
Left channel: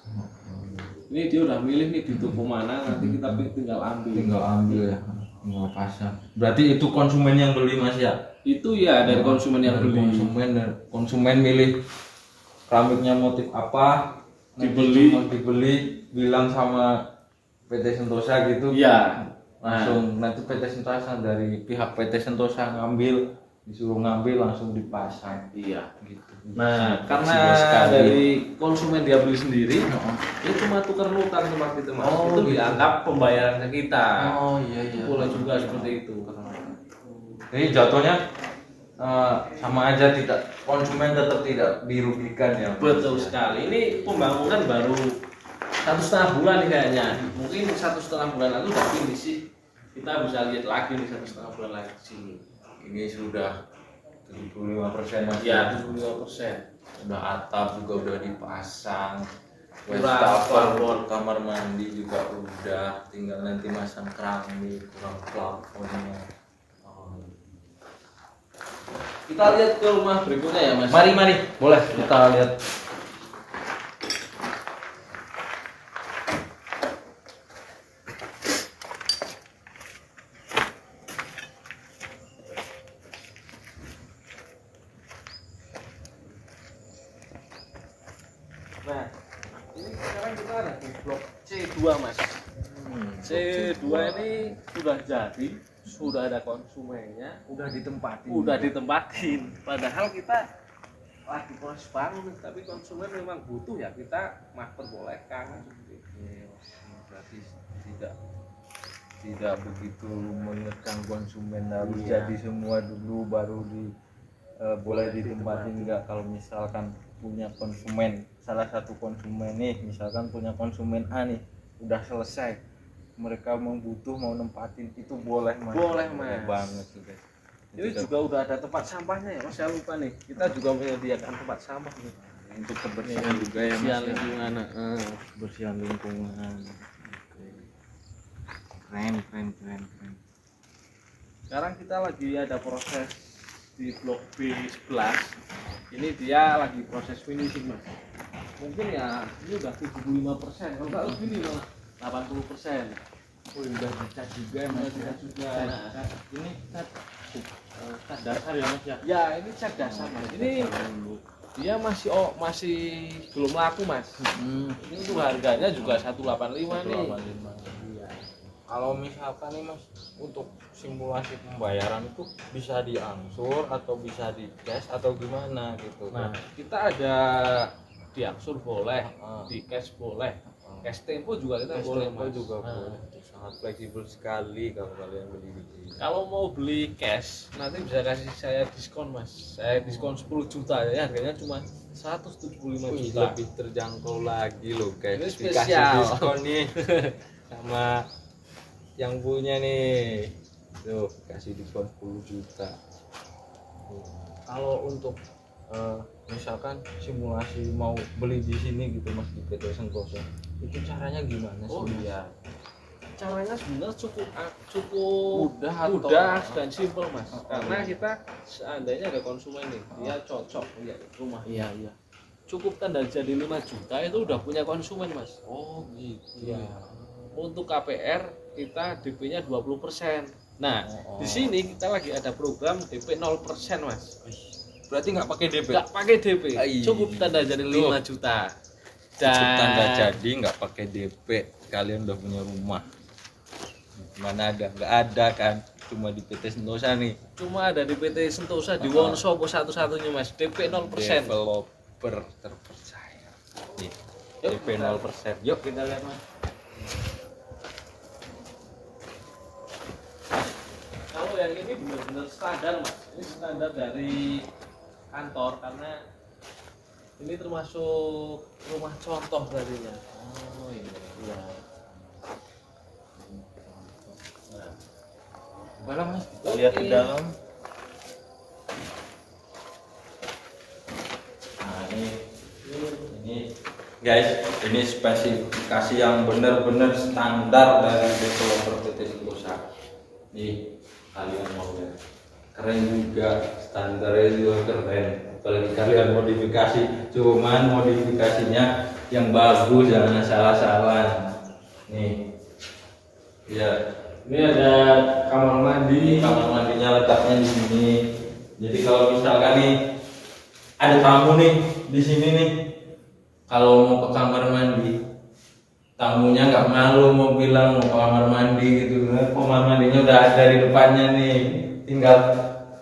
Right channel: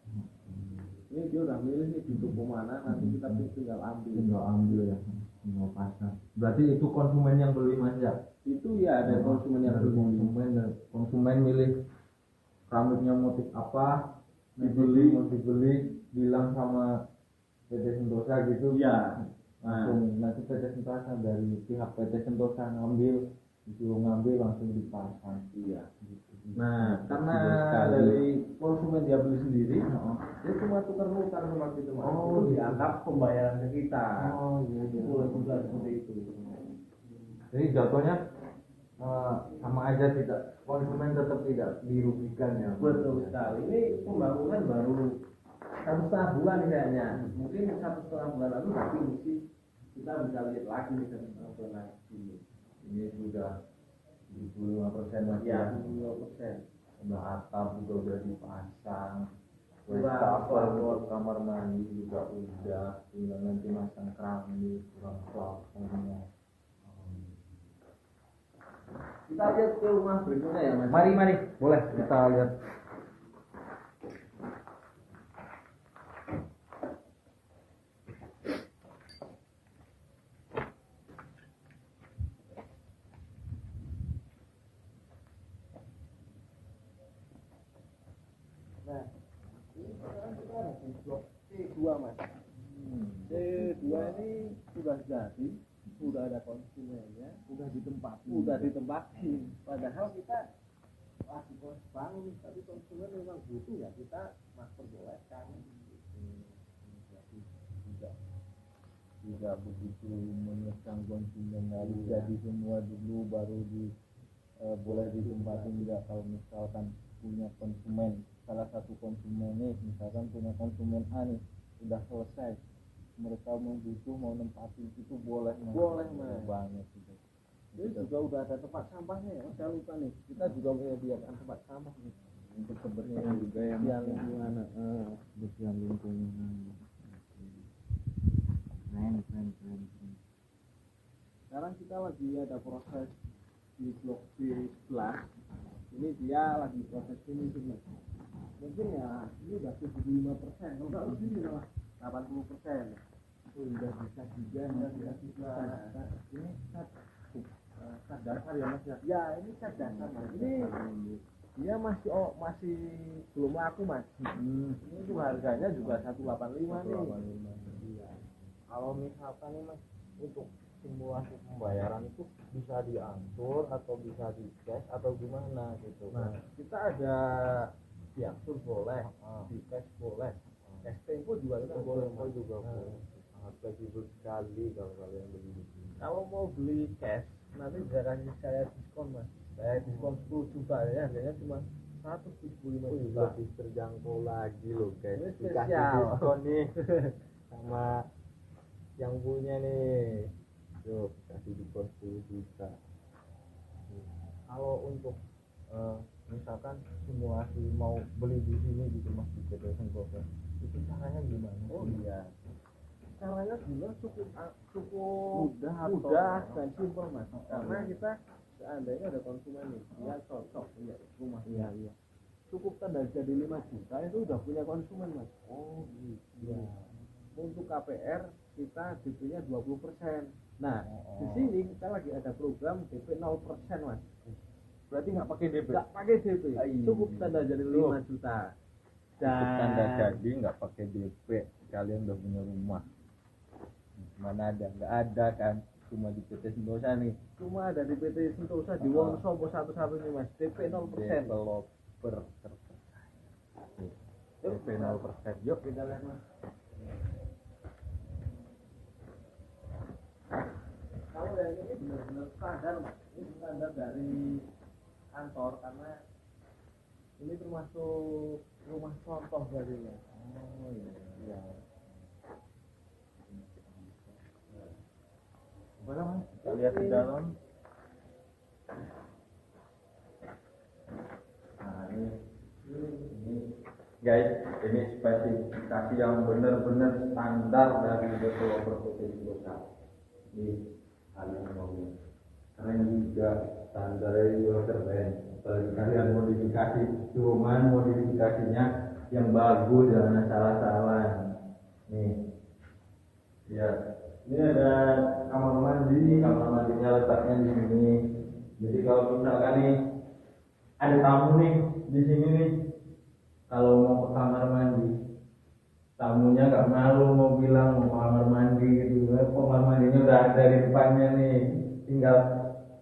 Ini dia udah milih nih di toko mana, nanti kita tinggal ambil. Tinggal ambil ya. Oh, pasang. Berarti itu konsumen yang beli Mas ya? Itu ya dari konsumen yang beli. Konsumen milih keramiknya motif apa, Dibeli. dibeli, bilang sama PT Sentosa gitu. Iya. Langsung nanti PT Sentosa, dari pihak PT Sentosa disuruh ngambil langsung dipasang. Iya. Gitu. Nah, karena Fleksibel sekali. dari konsumen dia beli sendiri, dia cuma tukar nukar tempat itu Mas. Oh, itu gitu. dianggap pembayaran ke kita. Oh iya Itu boleh juga seperti itu. Jadi jatuhnya sama aja, tidak, konsumen tetap tidak dirugikan ya. Betul sekali. Ini pembangunan baru 1,5 bulan nih kayaknya. Mungkin 1,5 bulan lalu udah finish sih. Kita bisa lihat lagi nih 1,5 bulan lagi di sini. Ini sudah 75% Mas. Ya, 75%. Udah atap juga udah dipasang. Kurang Wastafel, plafon. kamar mandi juga udah, tinggal nanti masang keramik, kurang plafonnya. Kita lihat ke rumah berikutnya ya Mas. Mari, boleh kita lihat. Nah, ini sekarang kita ada di blok C2 Mas. C2 ini sudah jadi, sudah ada konsumennya, Udah ditempatin. Padahal kita lagi proses bangun nih, tapi konsumen memang butuh ya kita perbolehkan. Berarti tidak begitu mengekang konsumen, harus Iya. jadi semua dulu baru boleh ditempatin. Enggak, kalau misalkan punya konsumen, salah satu konsumen nih, misalkan punya konsumen A nih, udah selesai, mereka membutuh mau nempatin, itu boleh Mas. Boleh, Mas. Banget juga. Ini juga udah ada tempat sampahnya ya Mas, saya lupa nih. Kita juga menyediakan tempat sampah nih. Untuk kebersihan juga ya Mas. Kebersihan ya. lingkungan. Kebersihan lingkungan. Oke. Keren. Sekarang kita lagi ada proses di blok B11. Ini dia lagi proses finishing Mas. Mungkin ya ini udah 75%, kalau nggak lebih nih malah 80%. Oh, udah dicat juga ya Mas ya. Nah, Ini cat dasar ya Mas ya. ya ini cat dasar Mas. Ini dia masih belum laku Mas. Ini tuh harganya juga 185 nih. 185. Iya. Kalau misalkan nih Mas, untuk simulasi pembayaran itu bisa diangsur atau bisa di cash atau gimana gitu. Nah, kita ada diangsur boleh, di cash boleh. Cash tempo juga kita Cash boleh tempo Mas. juga Nah, boleh. Sangat fleksibel sekali kalau kalian beli di sini. kalau mau beli cash nanti bisa kasih saya diskon Mas. Saya diskon 10 juta ya, harganya cuma 175 Wih, juta. lebih terjangkau lagi loh guys. Ini Dikasih spesial. diskon nih sama yang punya nih. Tuh, kasih diskon 10 juta. Kalau untuk misalkan simulasi mau beli di sini gitu Mas, di PT Sentosa, itu caranya gimana sih? Oh Mas? iya. Caranya sebenarnya cukup Mudah atau- mudah dan simpel Mas. Karena kita seandainya ada konsumen nih, dia cocok lihat rumah. Iya. Cukup tanda jadi 5 juta itu udah punya konsumen Mas. Oh gitu. Iya. Untuk KPR kita DP-nya 20%. Nah, Oh. di sini kita lagi ada program DP 0% Mas. Berarti nggak pakai DP? Nggak pakai DP, Ai. cukup tanda jadi 5 juta. Cukup tanda jadi, nggak pakai DP, kalian udah punya rumah. Mana ada? Nggak ada kan? Cuma di PT Sentosa nih. Cuma ada di PT Sentosa di Wonosobo satu-satunya Mas, DP 0%. Developer terpercaya. Nih, Yuk, DP 0%. Yuk Kita lihat Mas. Kalau yang ini benar-benar standar Mas. Ini standar dari kantor karena ini termasuk rumah contoh tadinya. Oh iya. Iya. Nah, Boleh Mas, kita lihat di dalam. Nah ini guys, ini spesifikasi yang benar-benar standar dari developer PT Sentosa. Nih, kalian mau lihat, keren juga, standarnya juga keren. Apalagi kalian modifikasi, cuman modifikasinya yang bagus, jangan salah-salah. Nih, ya Ini ada kamar mandi. Kamar mandinya letaknya di sini. Jadi kalau misalkan nih ada tamu nih di sini nih, kalau mau ke kamar mandi, tamunya nggak malu mau bilang mau ke kamar mandi gitu. Kamar mandinya udah ada di depannya nih, tinggal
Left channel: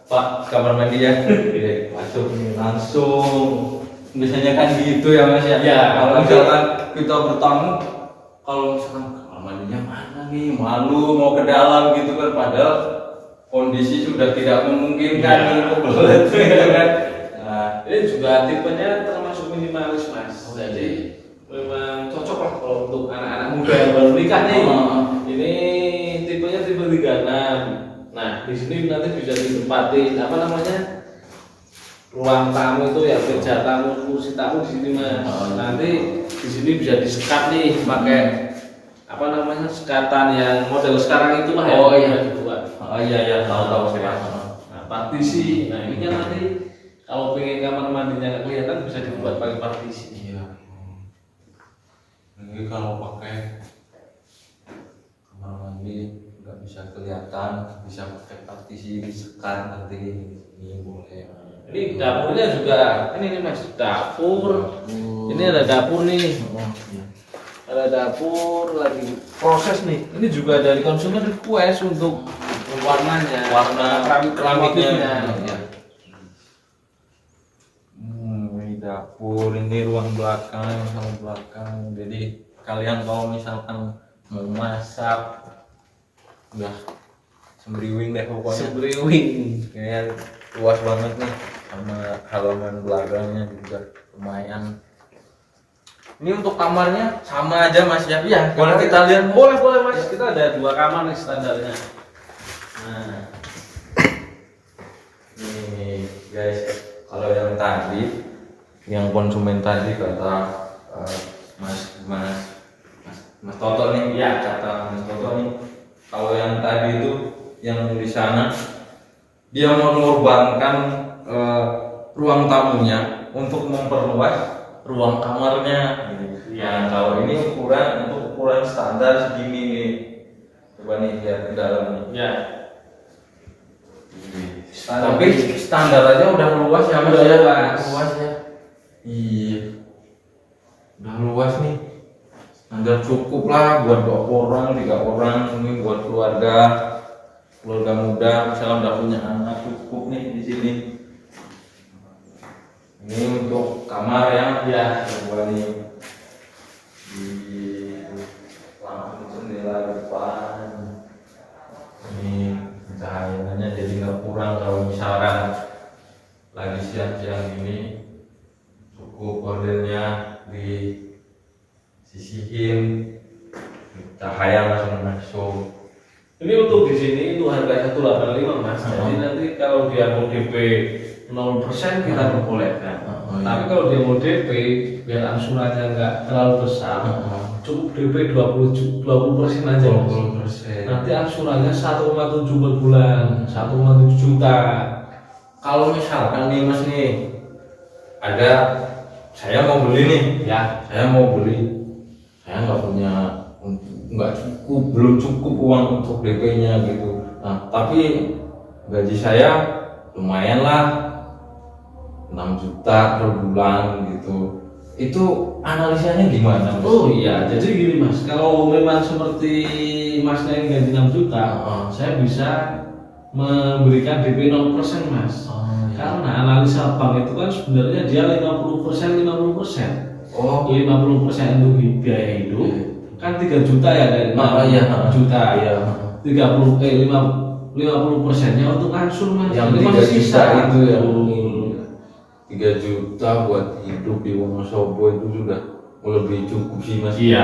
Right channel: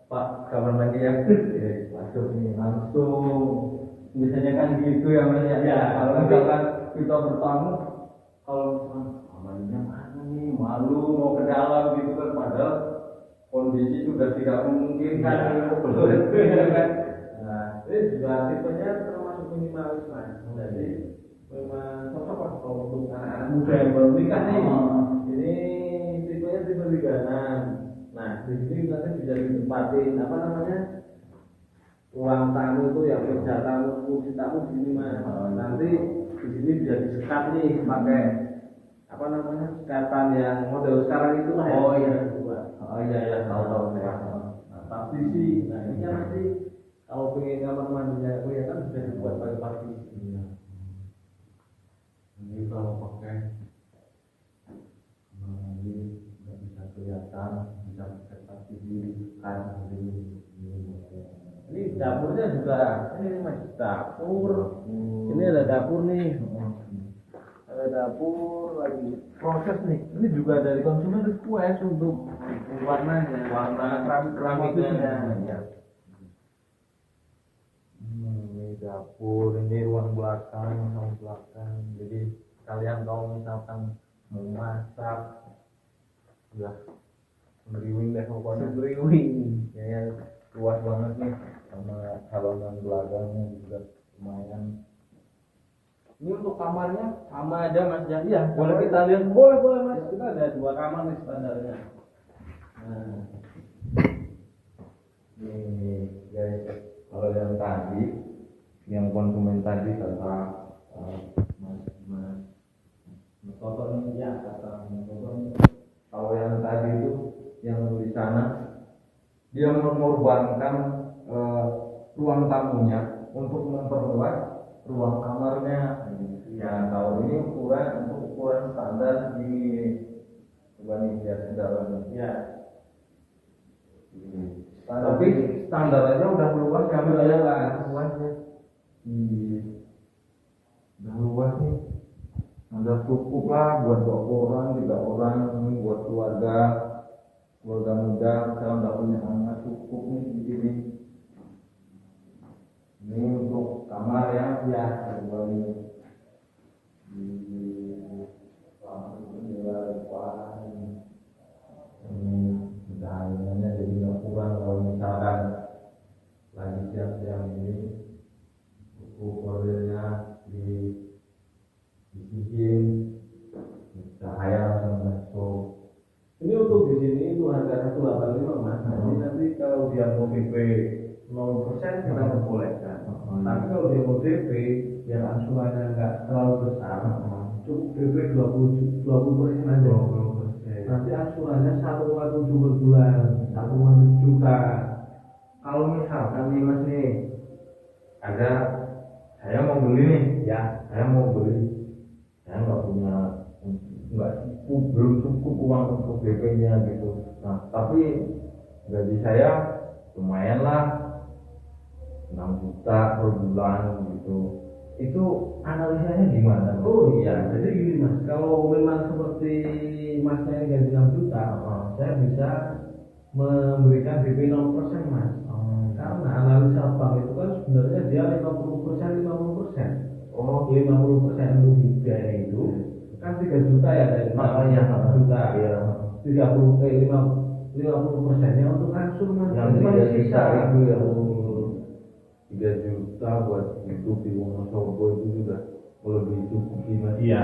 Pak kamar mandi ya, masuk nih langsung. Biasanya kan gitu ya Mas ya. Ya, Kalau misalkan kita bertamu, kalau misalkan kamar mandinya mana nih, malu mau ke dalam gitu kan, padahal kondisi sudah tidak memungkinkan Ya. nih kebelet gitu kan. Nah, Ini juga tipenya termasuk minimalis mas. Oh, Jadi iya. memang cocok lah kalau untuk anak-anak muda yang baru nikah nih. Oh. Ini tipenya tipe 36. Nah di sini nanti bisa ditempati apa namanya ruang tamu itu ya, meja tamu, kursi tamu di sini mas. Oh, iya. Nanti di sini bisa disekat nih pakai apa namanya sekatan yang model sekarang itulah ya. Oh, iya. Yang dibuat. Oh iya ya, tahu Mas. Nah, partisi. Nah ini kan nanti kalau pengen kamar mandinya nggak kelihatan bisa dibuat pakai partisi. Iya. Ini kalau pakai kamar mandi nggak bisa kelihatan, bisa pakai partisi disekat nanti ini boleh. Ini dapurnya juga ini nih mas, dapur. Ini ada dapur nih. Oh, iya. Ada dapur lagi proses nih. Ini juga dari konsumen request untuk warnanya, Warna keramiknya. Iya. Ini dapur, ini ruang belakang. Jadi kalian kalau misalkan mau masak, udah sembriwing deh pokoknya. Sembriwing. Kayak luas banget nih, sama halaman belakangnya juga lumayan. Ini untuk kamarnya sama aja Mas ya? Iya, Boleh kita lihat? Boleh mas. Kita ada 2 kamar nih standarnya. Nah, nih guys, kalau yang tadi, yang konsumen tadi kata Mas Toto nih, ya kata Mas Toto nih, kalau yang tadi itu yang di sana dia mengorbankan ruang tamunya untuk memperluas ruang kamarnya. Ya. Nah, kalau ini ukuran standar segini nih. Coba nih lihat ke dalam nih. Ya. Tapi standar aja udah luas ya Mas Udah ya. luas. Luas ya. Iya. Udah luas nih. Standar cukup lah buat 2 orang, 3 orang, ini buat keluarga muda, misalnya udah punya anak, cukup nih di sini. Ini untuk kamar ya, coba nih di lampu jendela depan. Ini cahayanya jadi nggak kurang kalau misalkan lagi siang-siang ini, cukup gordennya disisihin, cahaya langsung masuk. Ini untuk di sini itu harga 185 mas. Jadi nanti kalau dia mau DP 0% kita perbolehkan. Iya. Tapi kalau dia mau DP biar angsurannya nggak terlalu besar, cukup DP 20% aja mas. 20%. Nanti angsurannya 1,7 per bulan, 1,7 juta. Kalau misalkan nih Mas nih, ada saya mau beli nih, Ya, saya nggak punya, nggak cukup, belum cukup uang untuk DP-nya gitu. Nah, tapi gaji saya lumayan lah, 6 juta per bulan gitu. Itu analisanya gimana Mas? oh iya, jadi gini mas, kalau memang seperti masnya yang gaji 6 juta, saya bisa memberikan DP 0% mas. Karena analisa bank itu kan sebenarnya dia 50%. Oh, 50% untuk biaya hidup, kan 3 juta ya dari 6 juta. Iya. 50%-nya untuk ansur mas. Yang Jadi 3 masih juta itu ya. Betul. 3 juta buat hidup di Wonosobo itu sudah lebih cukup sih Mas. Iya.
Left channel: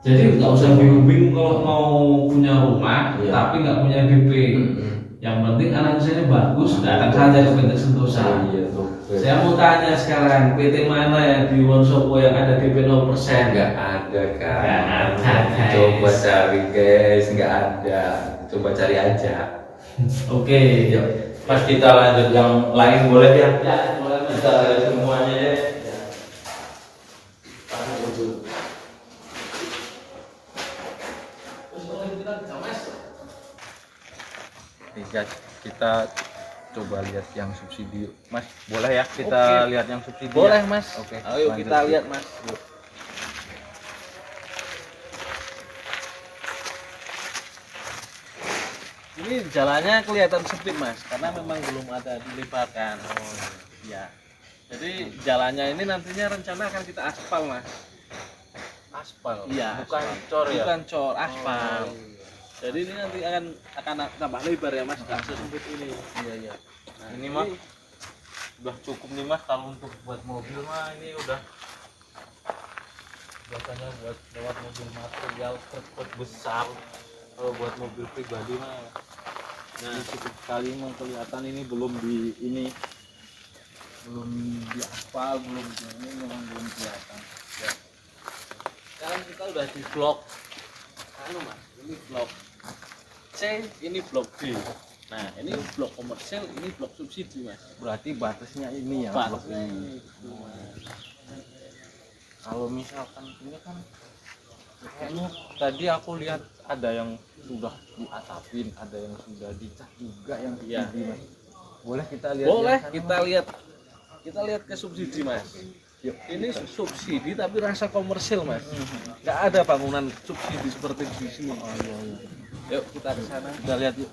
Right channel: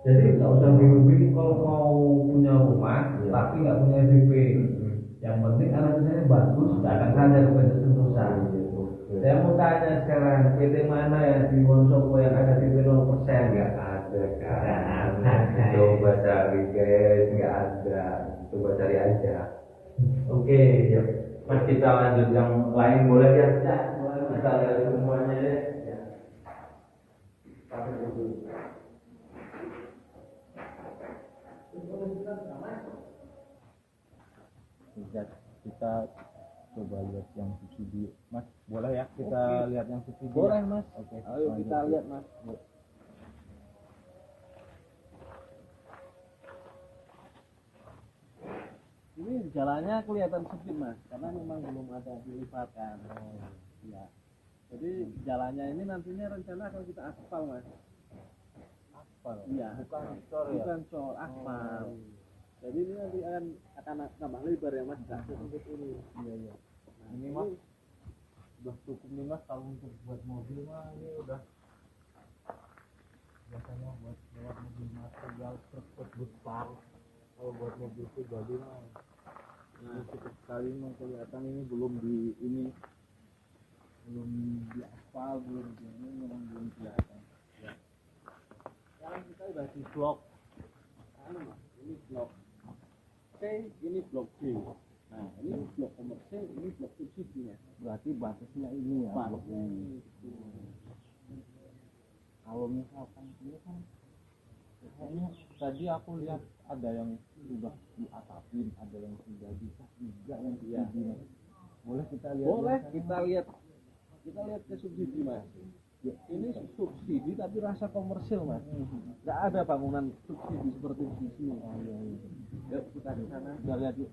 Jadi nggak usah bingung-bingung kalau mau punya rumah, Iya. tapi nggak punya DP. Mm-mm. Yang penting analisanya bagus, datang saja ke PT Sentosa. Iya tuh. Saya mau tanya sekarang, PT mana yang di Wonosobo yang ada DP 0%? Nggak ada kan. Nggak ada, guys. Coba cari guys, nggak ada. Coba cari aja. Oke. Yuk, Mas kita lanjut yang lain boleh ya? Ya, boleh mas. Kita lihat semuanya ya. Terus kalau kita guys, kita coba lihat yang subsidi yuk. Mas, boleh ya kita Oke. lihat yang subsidi Boleh ya? mas. Oke, Ayo lanjut, kita yuk. lihat mas. Yuk. Ini jalannya kelihatan sempit mas, karena memang belum ada dilibatkan. Oh iya. Jadi jalannya ini nantinya rencana akan kita aspal mas. Aspal, Iya. bukan aspal. cor ya? Bukan cor, aspal. Oh, iya. Jadi ini nanti akan tambah lebar ya mas, nggak sesempit ini. Iya, iya. Nah, Ini mah udah cukup nih mas, kalau untuk buat mobil mah ini udah biasanya buat lewat mobil material truk besar. Kalau buat mobil pribadi mah ini cukup sekali, memang kelihatan ini belum di aspal, belum di ini, memang belum kelihatan ya. sekarang kita udah di blok anu mas, ini blok C, ini blok D. Nah ini blok komersil, ini blok subsidi mas. Berarti batasnya ini ya, blok Batasnya ini. itu, Mas. Kalau misalkan ini kan kayaknya tadi aku lihat ada yang sudah diatapin, ada yang sudah dicat juga yang Iya. subsidi mas. Boleh kita lihat? Boleh yang sana, Mas? kita lihat ke subsidi mas. Yuk. Ini subsidi tapi rasa komersil mas. Nggak ada bangunan subsidi seperti di sini. Oh iya, iya. Yuk kita ke sana. Kita lihat yuk.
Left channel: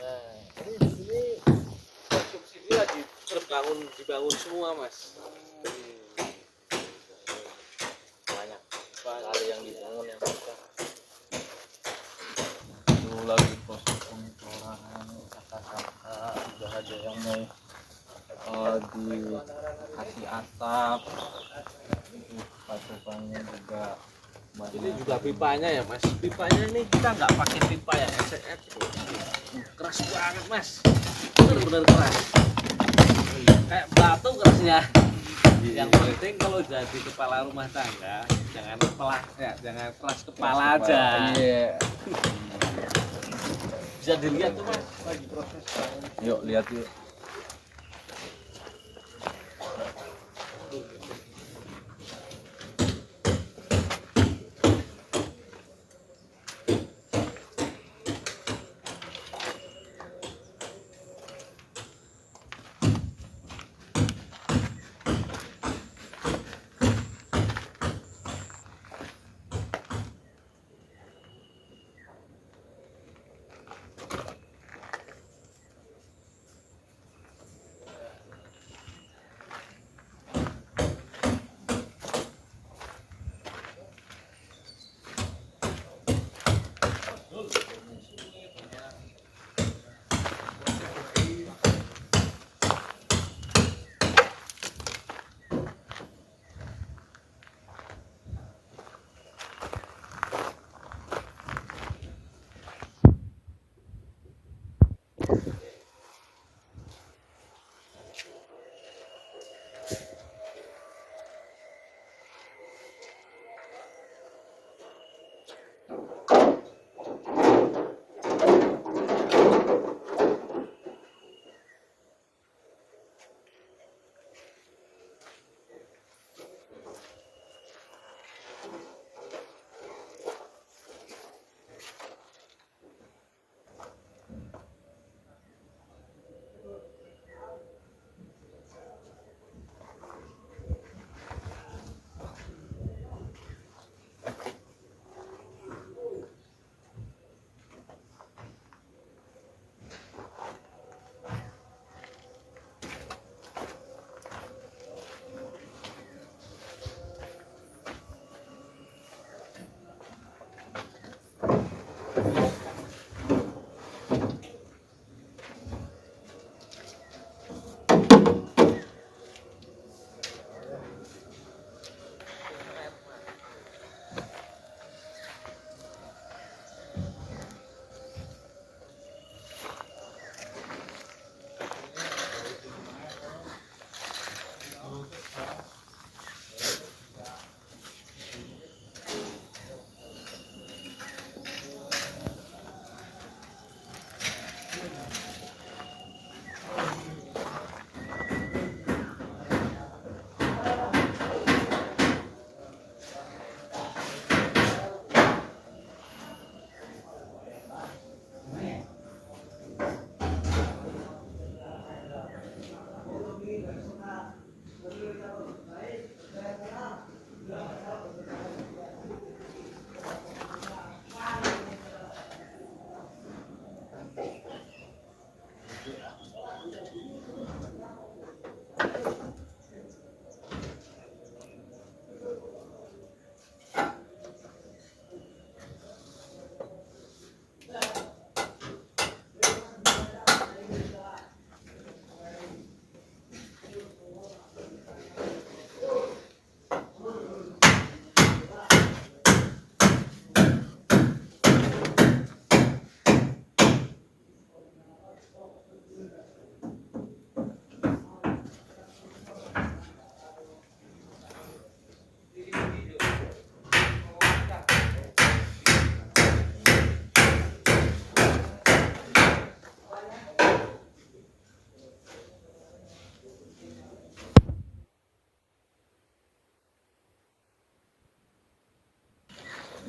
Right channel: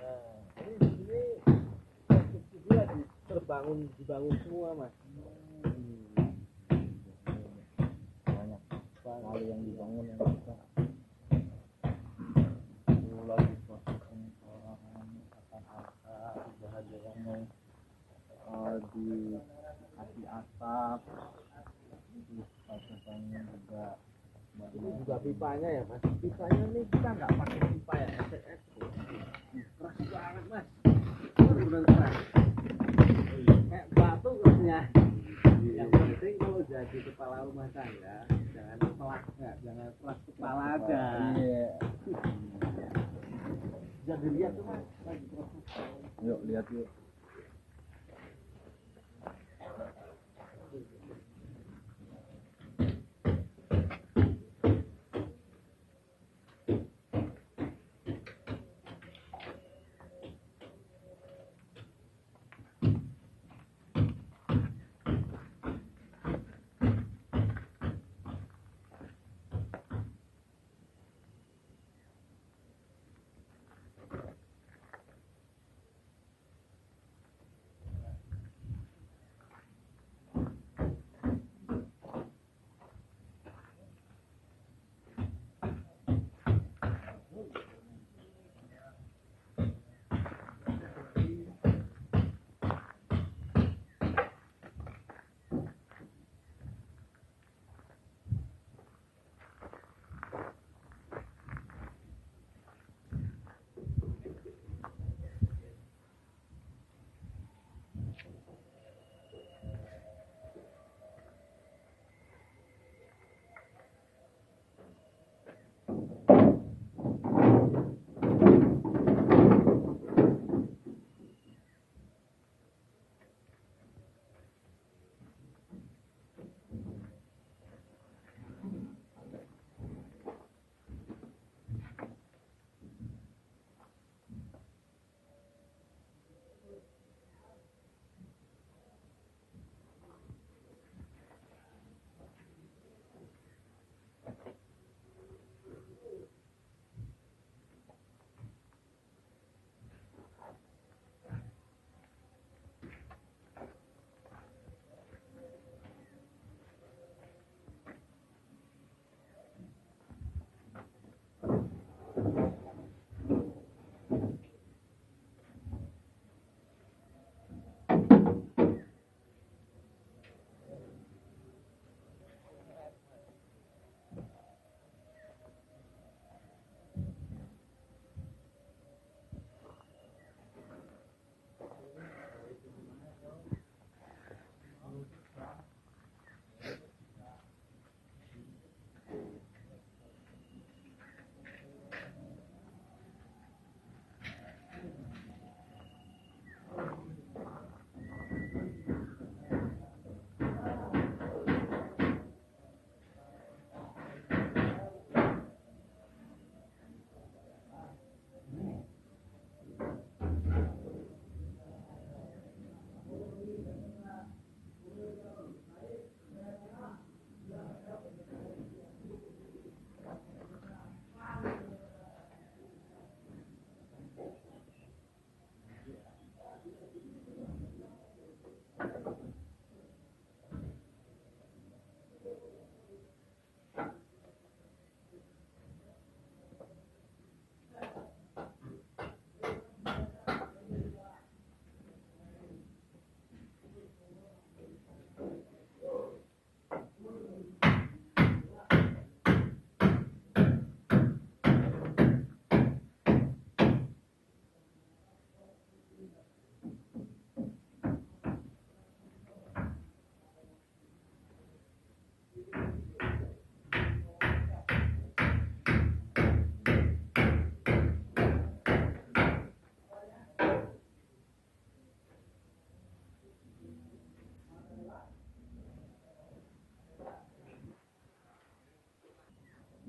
Nah, ini di sini subsidi lagi dibangun semua mas. Banyak Banyak. sekali yang dibangun yang bisa. Itu lagi proses pengeboran kakak-kakak, juga ada yang mau dikasih atap. Pasokannya juga banyak. Ini juga pipanya ya mas. Pipanya ini kita nggak pakai pipa ya SCF. Keras banget mas. Bener-bener keras. Kayak batu kerasnya. Yang penting kalau jadi kepala rumah tangga jangan keras kepala aja. Iya. Bisa dilihat tuh mas lagi proses. Yuk lihat yuk.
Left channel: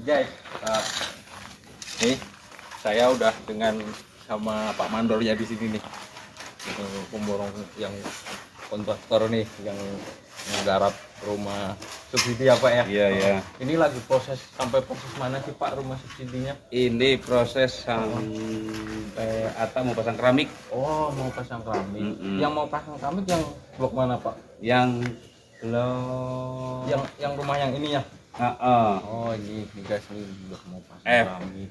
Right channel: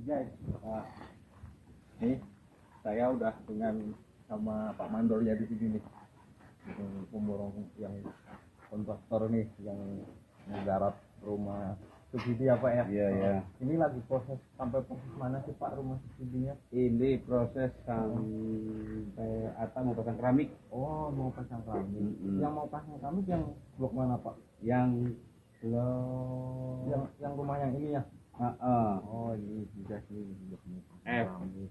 Guys, nih saya udah dengan sama Pak Mandornya di sini nih, yang pemborong, yang kontraktor nih, yang menggarap rumah subsidi apa ya? Iya ya. Ini lagi sampai proses mana sih Pak rumah subsidinya? Ini proses sampai atap mau pasang keramik. Oh, mau pasang keramik. Mm-mm. Yang mau pasang keramik yang blok mana Pak? Yang belum. Yang rumah yang ini ya? Oh, ini guys, ini blok mau pasang F. keramik,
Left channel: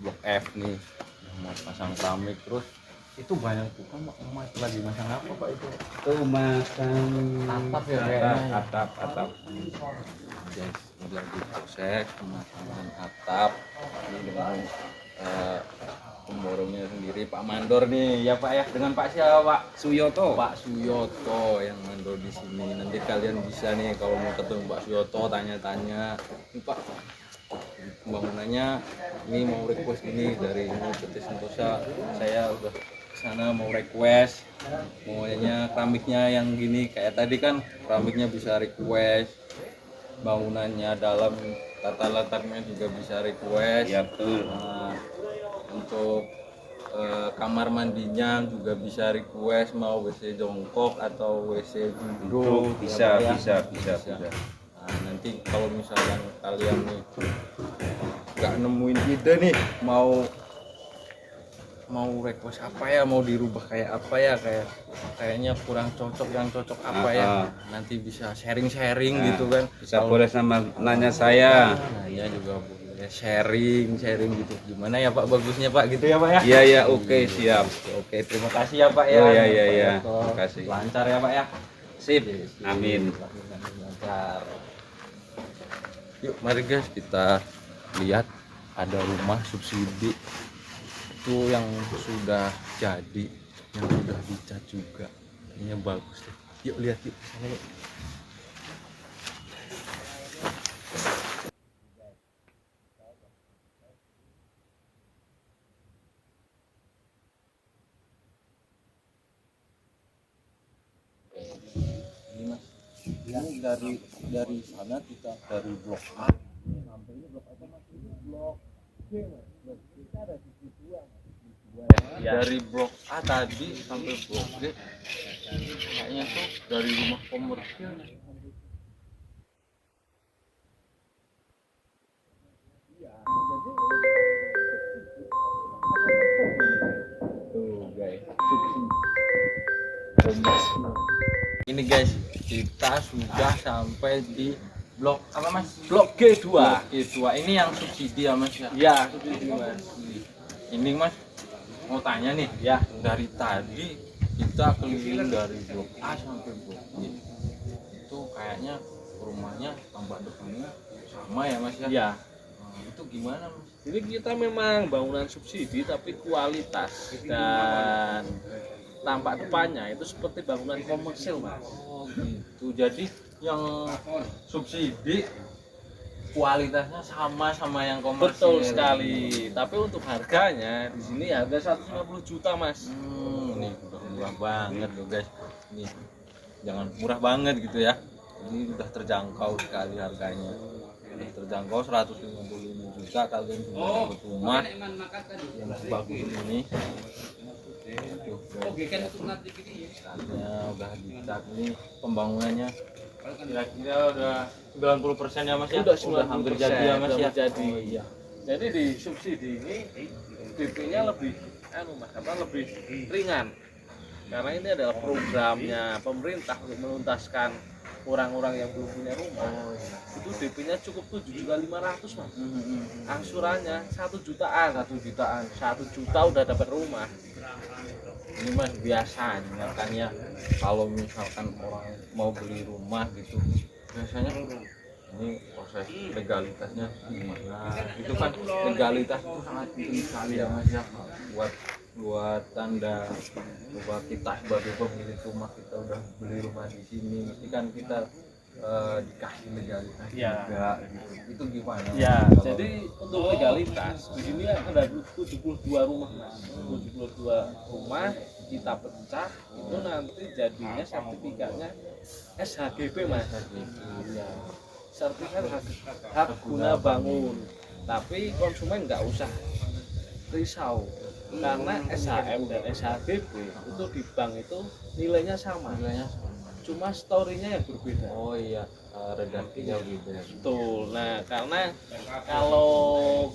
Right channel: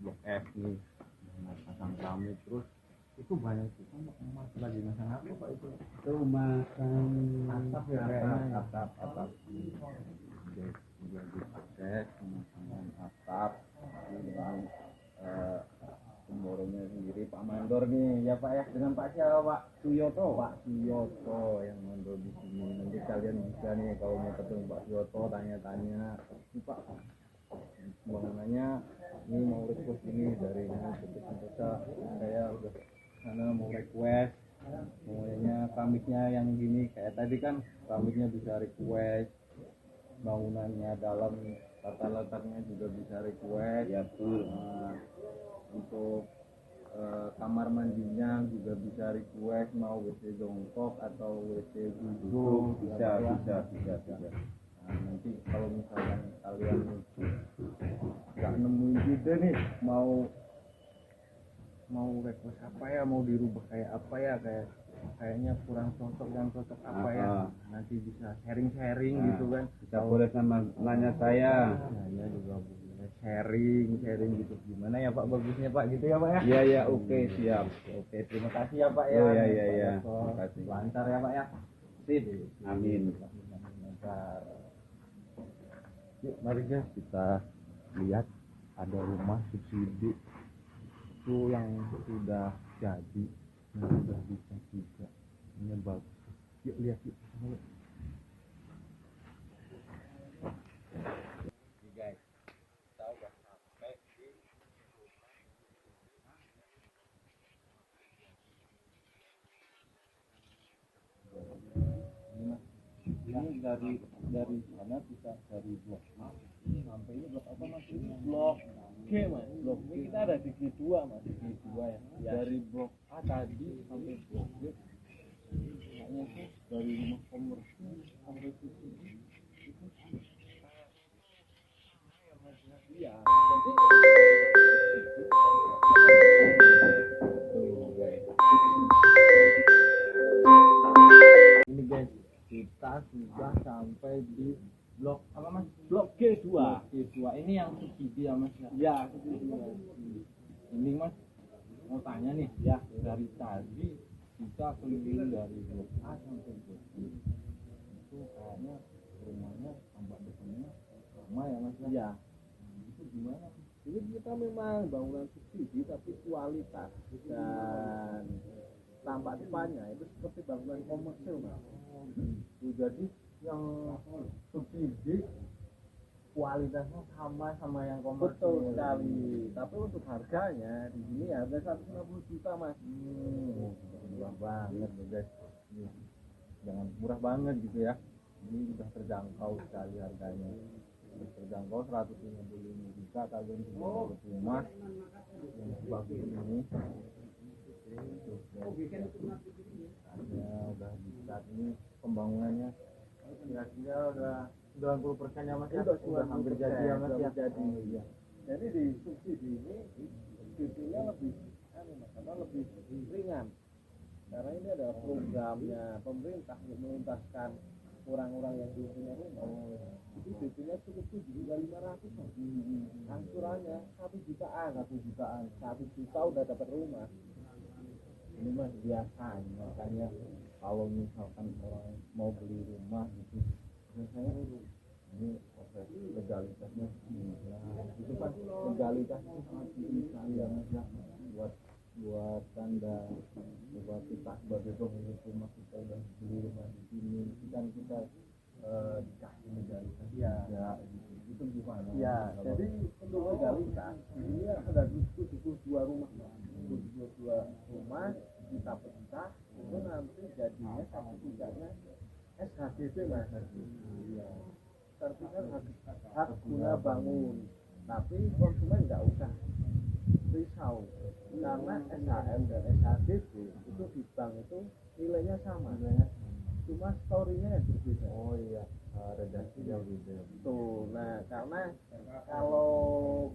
blok F nih, yang mau pasang keramik. Terus itu banyak tukang emas lagi masang apa Pak itu? Itu masang Atap ya kayaknya. atap. Guys, ini lagi proses pemasangan atap. Ini dengan pemborongnya sendiri Pak Mandor nih ya Pak ya, dengan Pak siapa Pak? Suyoto. Pak Suyoto yang mandor di sini. Nanti kalian bisa nih kalau mau ketemu Pak Suyoto tanya-tanya. Ini Pak, pembangunannya ini mau request ini dari PT Sentosa. Saya udah kesana mau request, maunya keramiknya yang gini kayak tadi kan, keramiknya bisa request, bangunannya dalam tata letaknya juga bisa request. Ya betul. Nah, untuk kamar mandinya juga bisa request, mau WC jongkok atau WC duduk Bisa. ya, Pak, ya. Nah, nanti kalau misalnya kalian nih nggak nemuin ide nih, mau request apa ya, mau dirubah kayak apa ya, kayaknya kurang cocok, yang cocok apa ya, nanti bisa sharing-sharing gitu kan. Bisa boleh sama nanya saya. Nanya juga boleh, sharing gitu, gimana ya Pak bagusnya Pak gitu ya Pak ya. Iya ya, oke, siap. Oke, terima kasih ya Pak ya. Oh, iya. Terima kasih. Lancar ya Pak ya. Sip. Amin. Lancar. Yuk mari guys, kita lihat ada rumah subsidi itu yang sudah jadi, yang sudah dicat juga. Ini bagus deh. Yuk lihat yuk sana yuk. Guys, kita udah sampai di ini Mas. Ini dari sana kita dari blok A sampai ini blok apa Mas? Ini blok G Mas. Blok G kita ada di G2 Mas. Di G2 ya. Dari blok A tadi sampai blok G kayaknya tuh dari rumah komersil sampai situ. Iya, jadi tuh guys. Ini guys, kita sudah sampai di blok apa Mas? Blok G2. Blok G2. Ini yang subsidi ya Mas ya? Ya, subsidi Mas. Ini Mas mau tanya nih ya, dari tadi kita keliling dari blok A sampai blok G, itu kayaknya rumahnya tampak depannya sama ya Mas ya? Ya. Nah, itu gimana Mas? Ini kita memang bangunan subsidi tapi kualitas dan tampak depannya itu seperti bangunan komersil Mas. Oh gitu. Jadi yang subsidi kualitasnya sama yang komersil. Betul sekali. Tapi untuk harganya di sini harga 150 juta Mas. Ini udah murah banget loh guys. Ini jangan murah banget gitu ya. Ini udah terjangkau sekali harganya. Udah terjangkau 155 juta kalian bisa dapat rumah yang sebagus ini. Tuh, guys. Catnya udah dicat, ini pembangunannya kira-kira udah 90% ya Mas ya? Udah hampir jadi ya Mas ya? jadi. Oh, iya. Jadi di subsidi ini DP-nya lebih lebih ringan. Karena ini adalah programnya pemerintah untuk menuntaskan orang-orang yang belum punya rumah. Oh, iya. Itu DP-nya cukup 7.500 Mas. Angsurannya 1 jutaan. 1 jutaan. 1 juta udah dapat rumah. Ini Mas biasanya kan ya, kalau misalkan orang mau beli rumah gitu, biasanya ini proses legalitasnya gimana? Itu kan legalitas itu sangat penting sekali ya Mas ya, buat tanda bahwa kita sebagai pemilik rumah, kita udah beli rumah di sini, mesti kan kita dikasih legalitas juga gitu. Itu gimana? Ya, Mas? jadi untuk legalitas di sini ada 72 rumah Mas. 72 rumah kita pecah itu nanti jadinya sertifikatnya SHGB Mas. Ya. sertifikat hak guna bangun. Tapi konsumen nggak usah risau karena SHM dan SHGB itu di bank itu nilainya sama. Cuma story-nya yang berbeda. Oh iya, redaksinya beda. Betul. Nah, karena kalau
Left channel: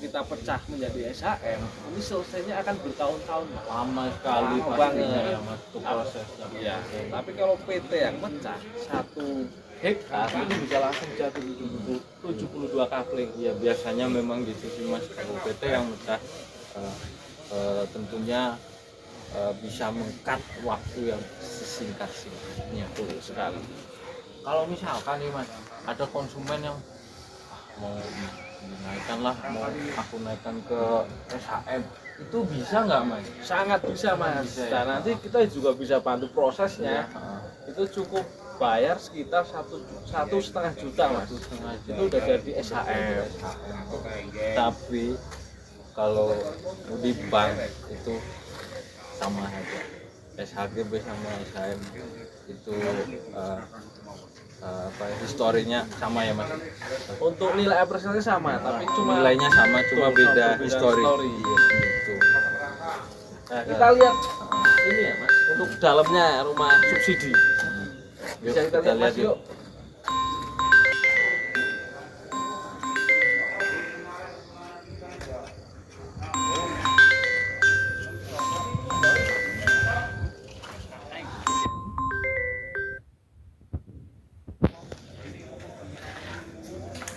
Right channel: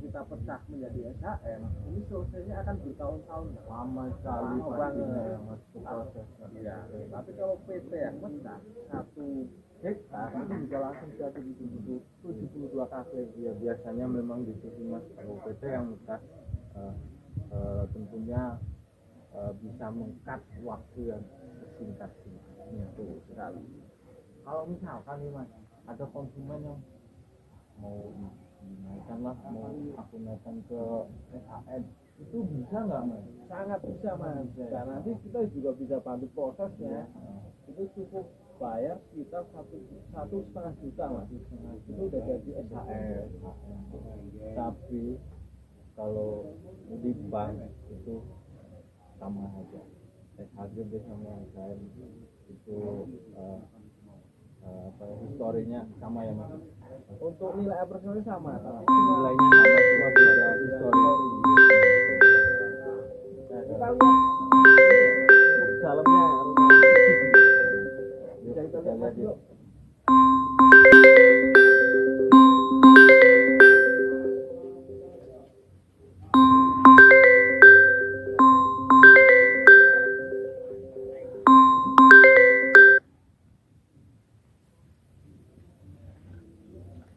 kita pecah menjadi SHM, ini selesainya akan bertahun-tahun. Lama sekali Lama pastinya banget. ya mas itu prosesnya. Iya. Tapi kalau PT yang pecah 1 hektar itu bisa langsung jatuh 72 kapling. Ya biasanya memang gitu sih mas, kalau PT yang pecah tentunya bisa mengkat waktu yang sesingkat-singkatnya. Betul sekali. Kalau misalkan nih mas, ada konsumen yang mau dinaikkan lah, mau aku naikkan ke SHM, itu bisa nggak mas? Sangat bisa mas. Bisa, ya? Dan nanti kita juga bisa bantu prosesnya. Itu cukup bayar sekitar 1,5 juta mas. Itu udah jadi SHM. Tapi kalau di bank itu sama aja, SHGB sama SHM itu historinya sama ya mas. Untuk nilai apresiasinya sama, tapi cuma Nilainya sama, cuma beda histori. Gitu. Nah, kita lihat ini ya mas, untuk dalamnya rumah subsidi. Yuk, Bisa kita lihat mas, yuk.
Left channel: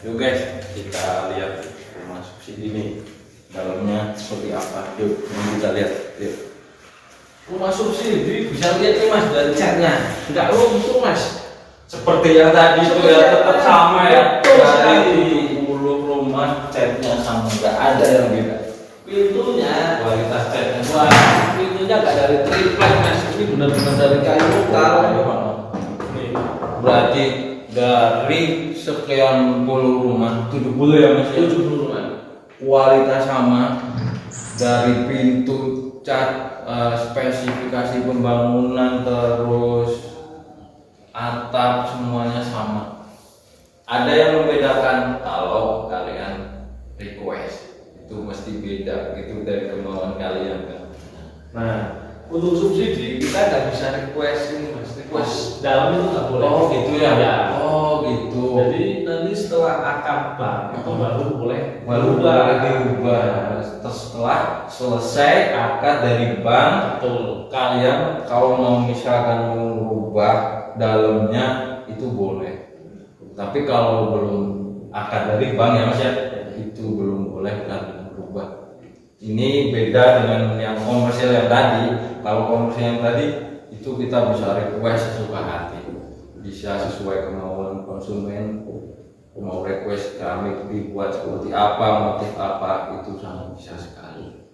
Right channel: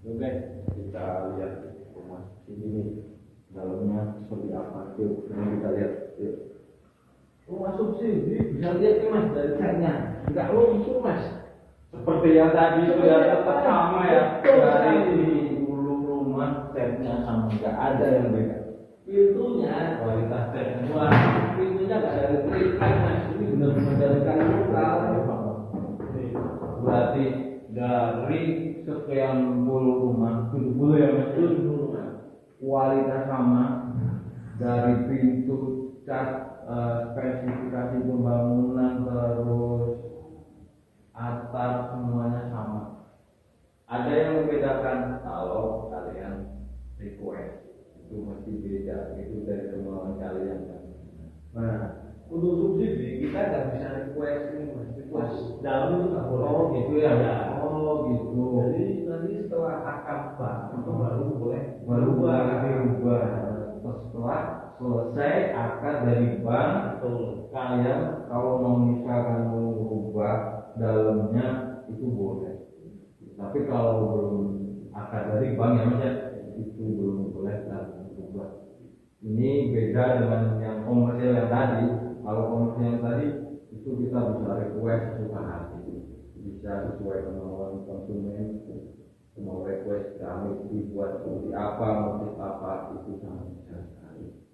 Yuk guys, kita lihat rumah subsidi nih, dalamnya seperti apa. Yuk, kita lihat. Yuk. Rumah subsidi bisa lihat nih mas dari catnya, nggak luntur mas. Seperti yang tadi itu ya, tetap sama ya. Betul Dari sekali. hulu rumah catnya sama, nggak ada yang beda. Pintunya, Kualitas catnya wah, pintunya nggak dari triplek mas, ini benar-benar dari kayu lokal. Nih, Berarti dari sekian puluh rumah, 70 ya mas ya? 70 rumah. Kualitas sama, dari pintu, cat, spesifikasi pembangunan, terus atap, semuanya sama. Ada yang membedakan kalau kalian request, itu mesti beda, itu dari kemauan kalian kan. Nah, untuk subsidi kita nggak bisa request ini mas, request dalam itu nggak boleh. Oh gitu ya? Ya. Oh gitu. Jadi nanti setelah akad bank itu baru boleh baru berubah. diubah. Terus setelah selesai akad dari bank, Betul. kalian kalau mau misalkan mengubah dalamnya itu boleh. Tapi kalau belum akad dari bank ya mas ya, itu belum boleh kalian berubah. Ini beda dengan yang komersial yang tadi. Kalau komersial yang tadi itu kita bisa request sesuka hati, bisa sesuai kemauan konsumen. Mau request kami dibuat seperti apa, motif apa, itu sangat bisa sekali.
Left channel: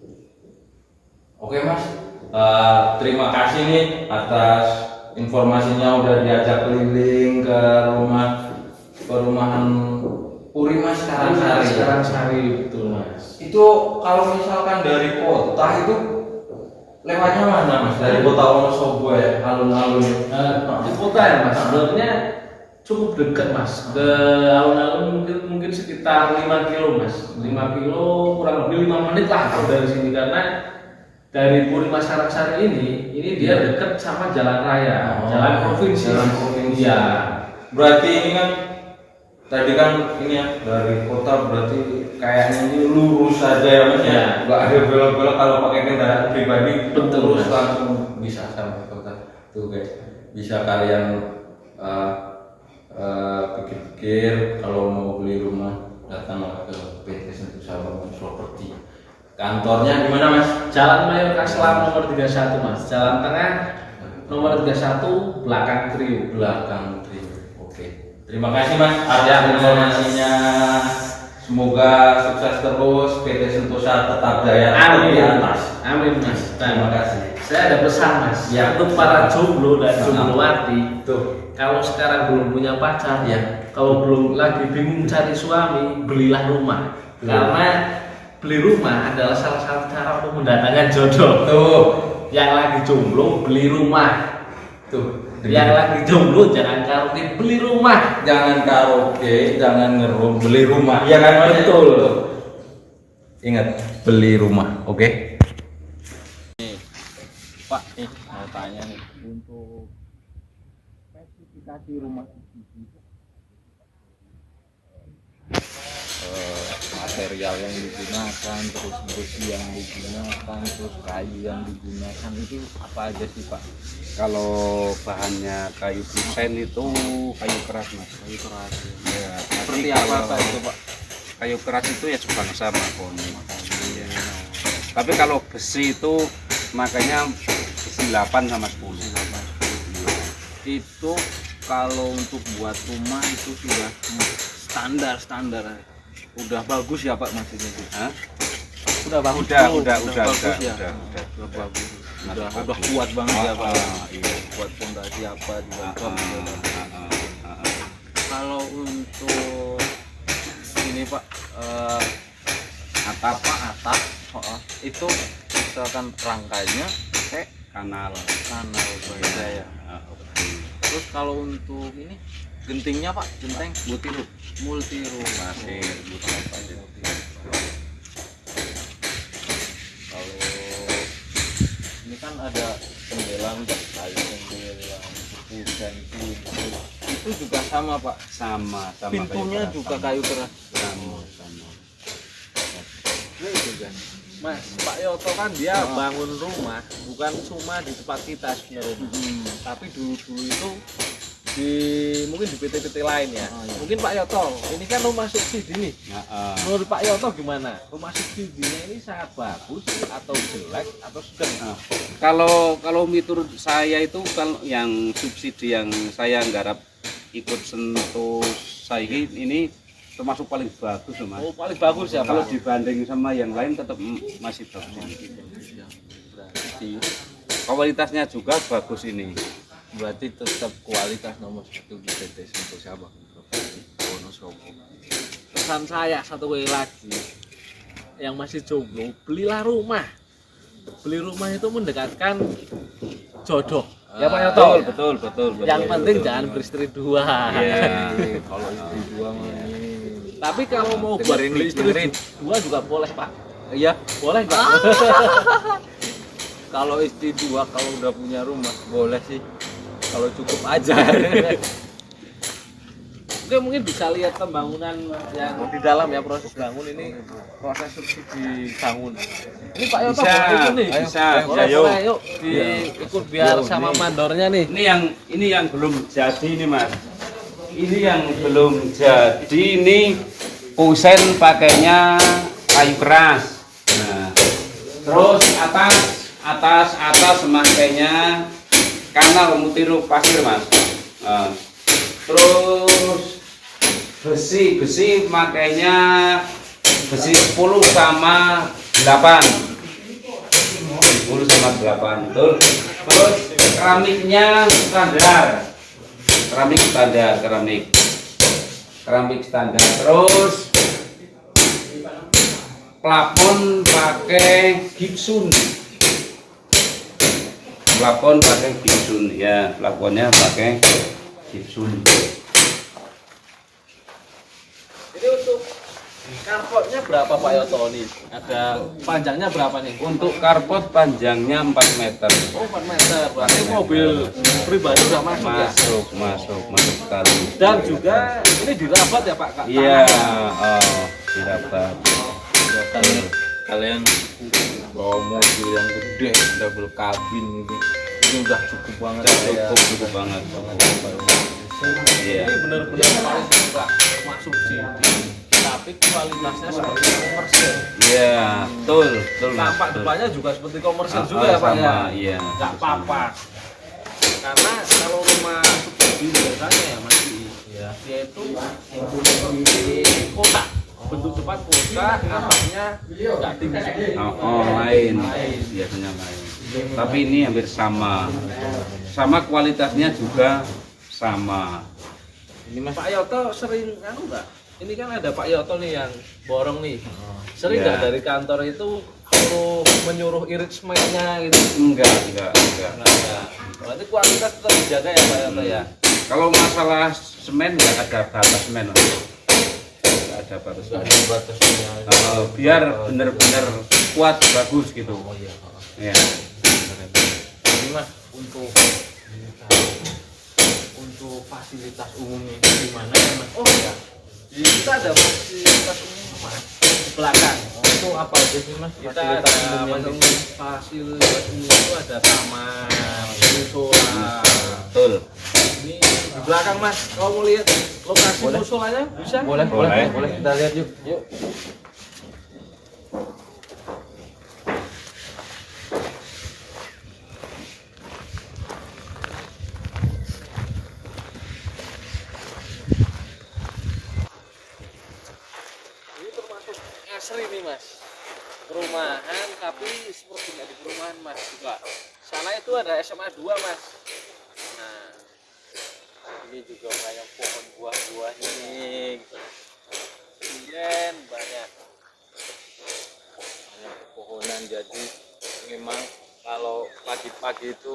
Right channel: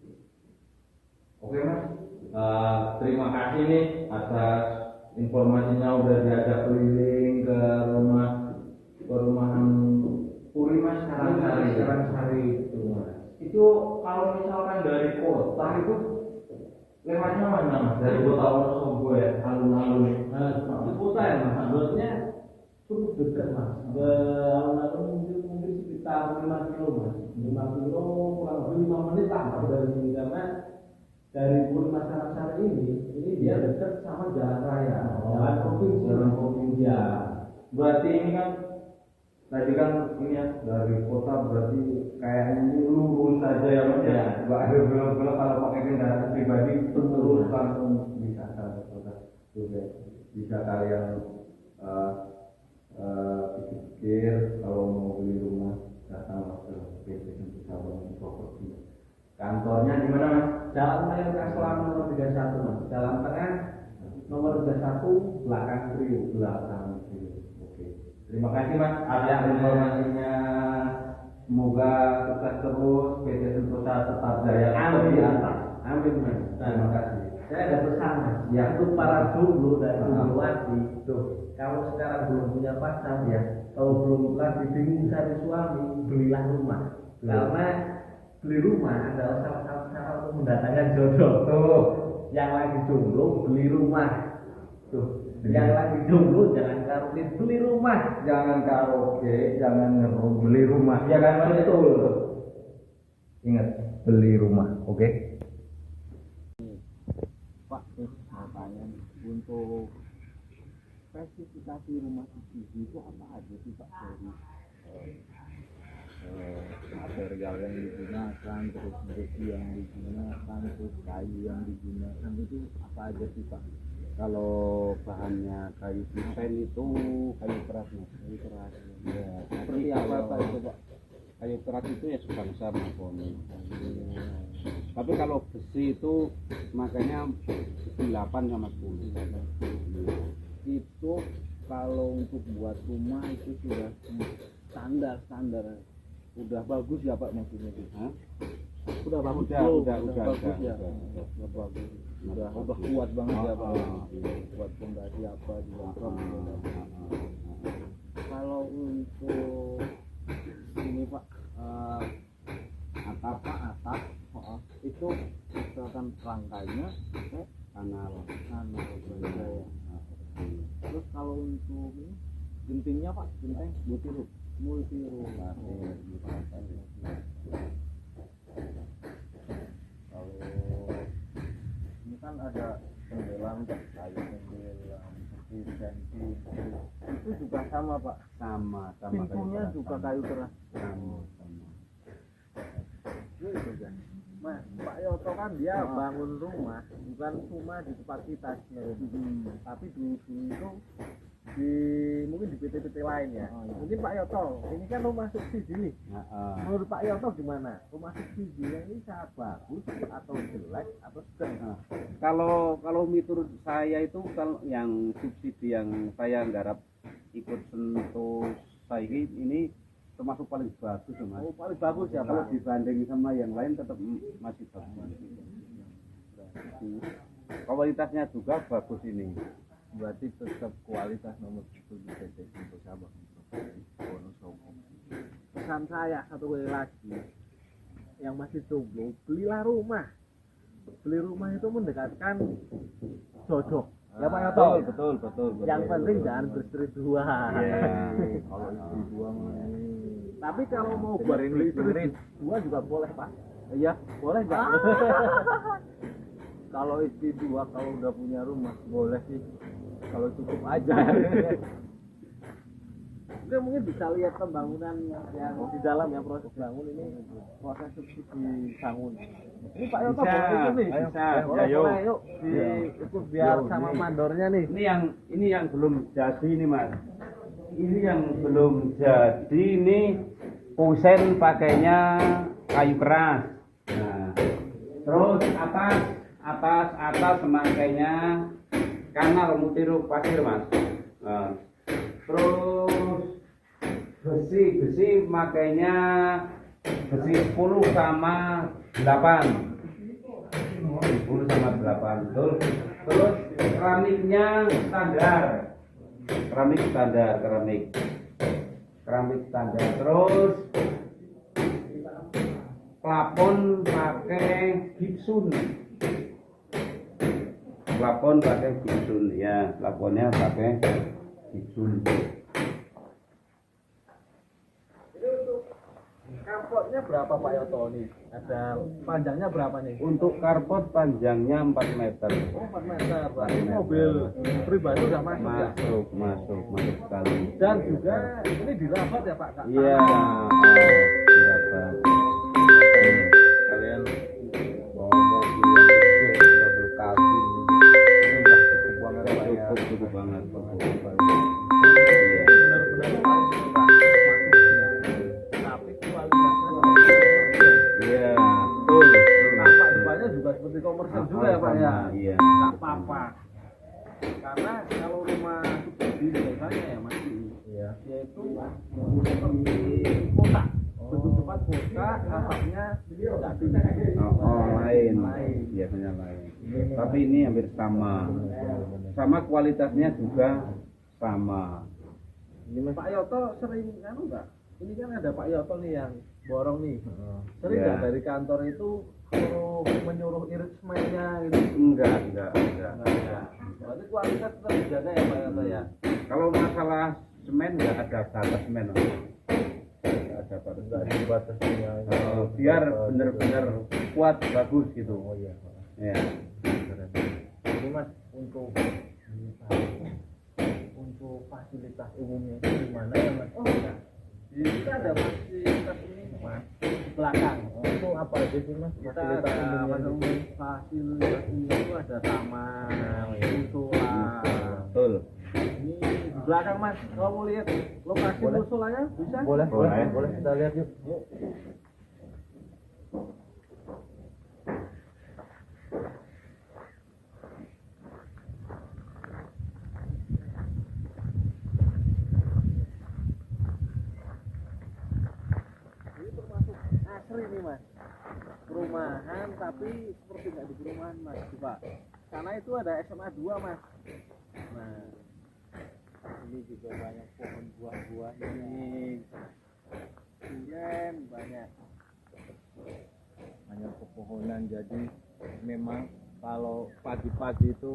Oke mas, terima kasih nih atas informasinya, udah diajak keliling ke perumahan Puri Mas Karangsari. Karangsari betul mas. Itu kalau misalkan dari kota itu lewatnya mana mas? Dari kota Wonosobo ya, alun-alun. Di kota ya mas, sebenarnya cukup dekat mas. Ke alun-alun mungkin sekitar 5 kilo mas. 5 kilo kurang lebih 5 menit lah kalau dari sini, karena dari Puri Mas Karangsari ini dia dekat sama jalan raya, jalan provinsi. Jalan provinsi. Ya. Berarti ini kan tadi kan ini ya dari kota, berarti kayaknya ini lurus saja ya mas ya, nggak ada belok-belok kalau pakai kendaraan pribadi. Betul, Terus Mas. langsung bisa sampai kota. Tuh guys, bisa kalian pikir-pikir kalau mau beli rumah, datanglah ke PT Sentosa Bangun Properti. Kantornya di mana mas? Jalan Mayor Kaslam nomor 31 mas. Jalan tengah nomor 31 belakang Trio. Belakang Trio. Oke. Terima kasih mas atas informasinya. Semoga sukses terus, PT Sentosa tetap jaya Amin. di atas. Amin mas. Terima kasih. Saya ada pesan mas. Ya. Untuk para jomblo dan jomblowati, Tuh. kalau sekarang belum punya pacar, Ya. kalau belum lagi bingung cari suami, belilah rumah. Karena beli rumah adalah salah satu cara untuk mendatangkan jodoh. Tuh. Yang lagi jomblo beli rumah. Tuh. Yang lagi jomblo jangan karaoke beli rumah. Jangan karaoke, jangan ngerum, beli rumah. Iya kan, betul. Ingat, beli rumah, oke? Pak, mau tanya nih, untuk spesifikasi rumah subsidi itu apa aja sih Pak? Dari material yang digunakan, terus besi yang digunakan, terus kayu yang digunakan itu apa aja sih Pak? Kalau bahannya kayu kusen itu kayu keras mas. Kayu keras. Ya, Seperti tapi apa kalau Pak itu Pak? kayu keras itu ya sebangsa mahoni. Ya. Tapi kalau besi itu makanya besi 8 sama 10. Itu kalau untuk buat rumah itu sudah standar udah bagus ya Pak maksudnya itu? Hah? Udah bagus. Udah bagus ya. udah. Udah bagus. Masih Udah bagus. kuat banget ya Pak. Iya. Buat fondasi apa juga. Ah. Kalau untuk ini Pak atap itu misalkan rangkainya pakai Kanal. kanal baja ya. Oke. Terus kalau untuk ini gentingnya Pak, genteng multiroom. Pasir, bukan pasir. Kalau ini kan ada jendela kayu jendela, kusen, pintu itu juga sama Pak. Sama Pintunya kayu keras, juga sama. kayu keras. Sama. Itu kan. Mas, Pak Yoto kan dia bangun rumah bukan cuma di tempat kita sebenarnya. Tapi dulu itu mungkin di PT-PT lain ya. Mungkin Pak Yoto, ini kan rumah subsidi nih. Menurut Pak Yoto gimana? Rumah subsidinya ini sangat bagus atau jelek atau sedang? Kalau mitur saya itu kalau yang subsidi yang saya nggarap ikut sentuh saya ini termasuk paling bagus loh mas. Oh, paling bagus ya Kalau Pak. dibanding sama yang lain tetap masih bagus ini. Kualitasnya juga bagus ini. Berarti tetap kualitas nomor satu di PT Sentul Sabang Wonosobo. Pesan saya satu kali lagi, yang masih jomblo belilah rumah. Beli rumah itu mendekatkan jodoh. Ya Pak Yoto. Betul. Yang penting jangan beristri dua. Iya. Kalau istri dua mah ini. Tapi kalau mau buat beli istri dua juga boleh Pak. Iya. Boleh nggak? Kalau istri dua, kalau udah punya rumah, boleh sih. Kalau cukup aja. Oke, mungkin bisa lihat pembangunan yang di dalam ya, proses bangun ini, proses subsidi bangun. Ini Pak Yoto Bisa, boleh ikut nih. bisa. Boleh, Ayo. boleh, yuk ikut biar sama mandornya nih. Ini yang belum jadi nih mas. Ini yang belum jadi ini kusen pakainya kayu keras. Nah, terus atas makainya kanal mutiru pasir mas. Nah, terus besi makainya besi 10 sama 8. 10 sama 8 betul. Terus keramiknya standar. Keramik standar. Terus plafon pakai gipsun. Ya, plafonnya pakai gipsun. Ini untuk karpotnya berapa Pak Yoto nih? Ada panjangnya berapa nih? Untuk karpot panjangnya 4 meter. Oh 4 meter, berarti mobil pribadi udah masuk ya? Masuk sekali. Dan juga ini dirabat ya Pak? Iya, dirabat. Kalian bawa mobil yang gede, double cabin gitu. Ini udah cukup banget. Cukup banget. Iya. Ini benar-benar paling suka masuk sih. Tapi kualitasnya seperti komersil. Iya, betul. Tampak depannya juga seperti komersil juga ya Pak ya? Sama, iya. Nggak apa-apa. Karena kalau rumah subsidi biasanya ya masih dia itu seperti kotak. Bentuk depan kotak, atapnya nggak tinggi. Lain. Biasanya lain. Tapi ini hampir sama. Sama kualitasnya juga sama. Ini Mas. Pak Yoto sering anu enggak? Ini kan ada Pak Yoto nih yang borong nih. Sering Iya. nggak dari kantor itu menyuruh irit semennya gitu? Enggak. Enggak. Berarti kualitas tetap dijaga ya Pak Yoto ya? Kalau masalah semen nggak ada batas semen, Mas. Nggak ada batas Enggak semen. ada batasnya. Biar benar-benar kuat bagus gitu. Oh iya. Ya. Ini Mas untuk fasilitas umumnya itu di mana ya Mas? Oh iya. Di kita ada fasilitas umum Mas di belakang. Itu apa aja sih Mas? Kita ada fasilitas umum itu ada taman, musola. Betul. Ini di belakang Mas. Kalau mau lihat lokasi Boleh. musolanya bisa? Boleh. Kita lihat yuk. Yuk. Ini termasuk asri nih Mas. Perumahan tapi seperti nggak di perumahan Mas juga. Sana itu ada SMA 2 Mas. Nah, Ini juga banyak pohon buah-buahnya nih. Gitu. kemudian banyak. Banyak pepohonan, jadi memang kalau pagi-pagi itu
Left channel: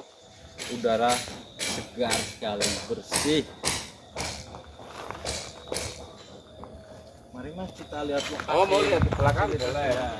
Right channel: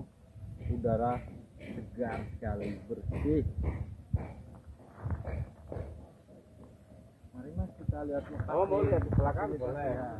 udara segar sekali, bersih. Mari Mas kita lihat lokasi. Oh mau lihat di belakang Boleh. boleh. Ya.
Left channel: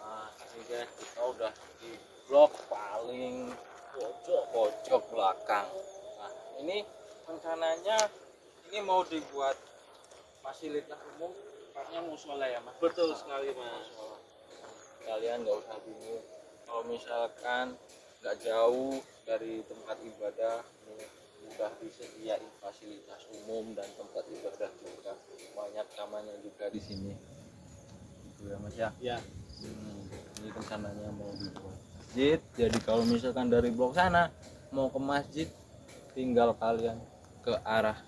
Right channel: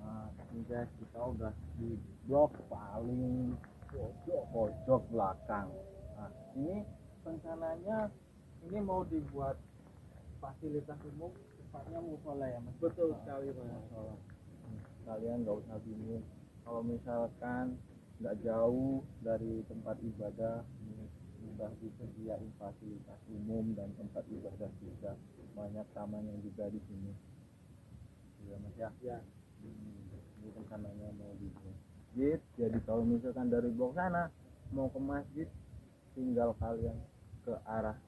Nah, ini guys, kita udah di blok paling pojok belakang. Nah, ini rencananya ini mau dibuat fasilitas umum, tepatnya musola ya Mas. Betul sekali Mas. Musola. Kalian nggak usah bingung. Kalau misalkan nggak jauh dari tempat ibadah, mudah disediain fasilitas umum dan tempat ibadah juga. Banyak tamannya juga di sini. Gitu ya Mas ya. Ya. Ini rencananya mau dibuat masjid. Jadi kalau misalkan dari blok sana mau ke masjid, tinggal kalian ke arah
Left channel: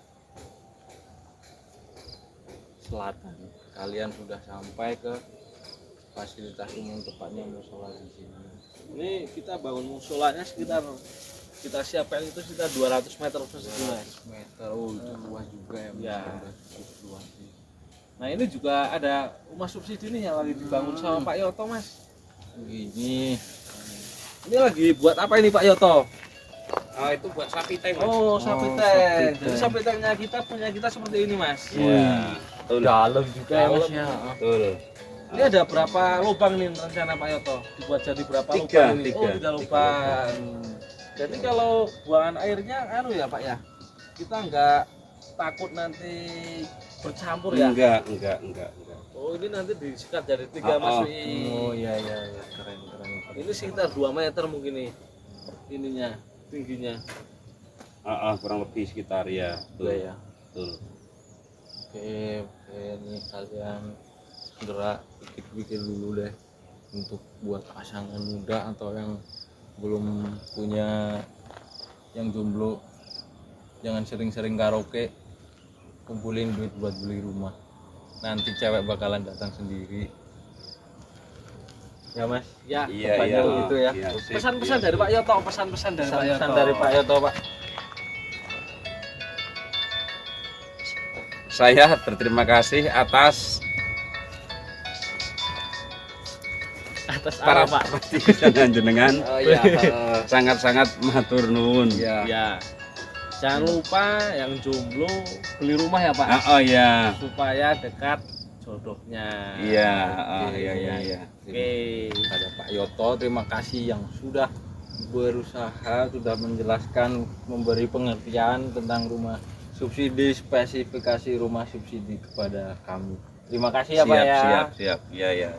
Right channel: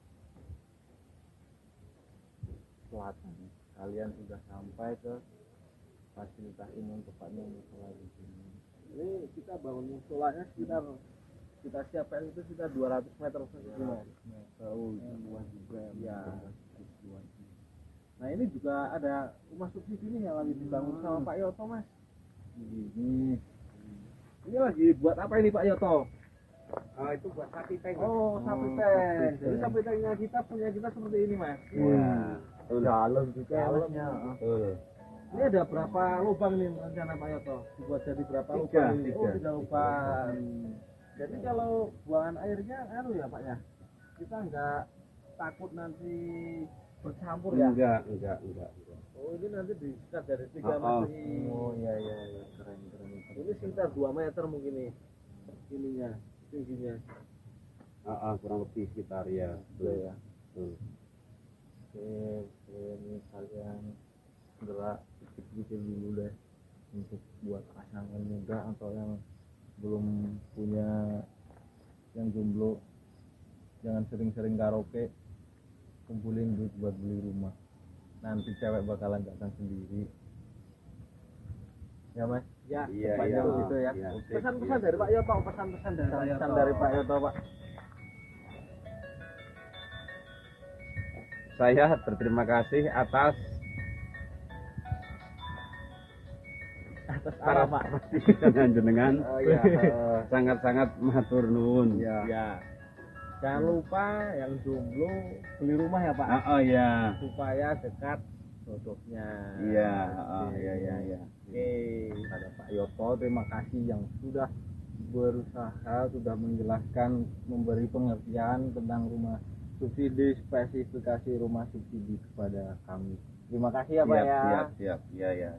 selatan. Kalian sudah sampai ke fasilitas umum, tepatnya musola di sini. Ini kita bangun musolanya sekitar kita siapkan itu sekitar 200 meter persegi Mas. 200 meter. Oh, itu luas juga ya Mas. Ya. Udah cukup luas sih. Nah ini juga ada rumah subsidi nih yang lagi dibangun sama Pak Yoto Mas. Begini. Ini lagi buat apa ini Pak Yoto? Oh, itu buat sapi tank. Mas. Oh sapi tank. sapi Jadi tank. sapi tanknya kita punya kita seperti ini Mas. Iya. Betul. Dalam juga ya Mas Dalam. ya. Betul. Ini ada berapa lubang nih rencana Pak Yoto? Dibuat jadi berapa Tiga, lubang ini? tiga. Oh 3 lubang. Jadi kalau buangan airnya anu ya Pak ya, kita nggak takut nanti bercampur ya? Enggak. Oh ini nanti disikat dari 3 masuki. Oh iya iya iya, keren. Ini sekitar 2 meter mungkin nih ininya tingginya. Kurang lebih sekitar ya. Iya ya. Betul. Oke, ini kalian segera bikin dulu deh untuk buat pasangan muda atau yang belum punya, yang jomblo, jangan sering-sering karaoke, kumpulin duit buat beli rumah, nanti cewek bakalan datang sendiri ya Mas. Ya. Iya, Tepatnya iya. begitu ya. Iya, sip, Pesan-pesan iya. dari Pak Yoto, pesan-pesan dari Pak Yoto. Pesan dari Pak Yoto Pak. Saya berterima kasih atas para Pak. jenengan. Oh iya. Sangat-sangat matur nuwun. Ya. Jangan lupa yang jomblo beli rumah ya Pak, Oh iya. supaya dekat jodohnya. Iya, Oke. iya. Oke. Kepada Pak Yoto, terima kasih yang sudah berusaha, sudah menjelaskan, memberi pengertian tentang rumah subsidi, spesifikasi rumah subsidi kepada kami. Terima kasih ya Pak ya. Siap. Iya.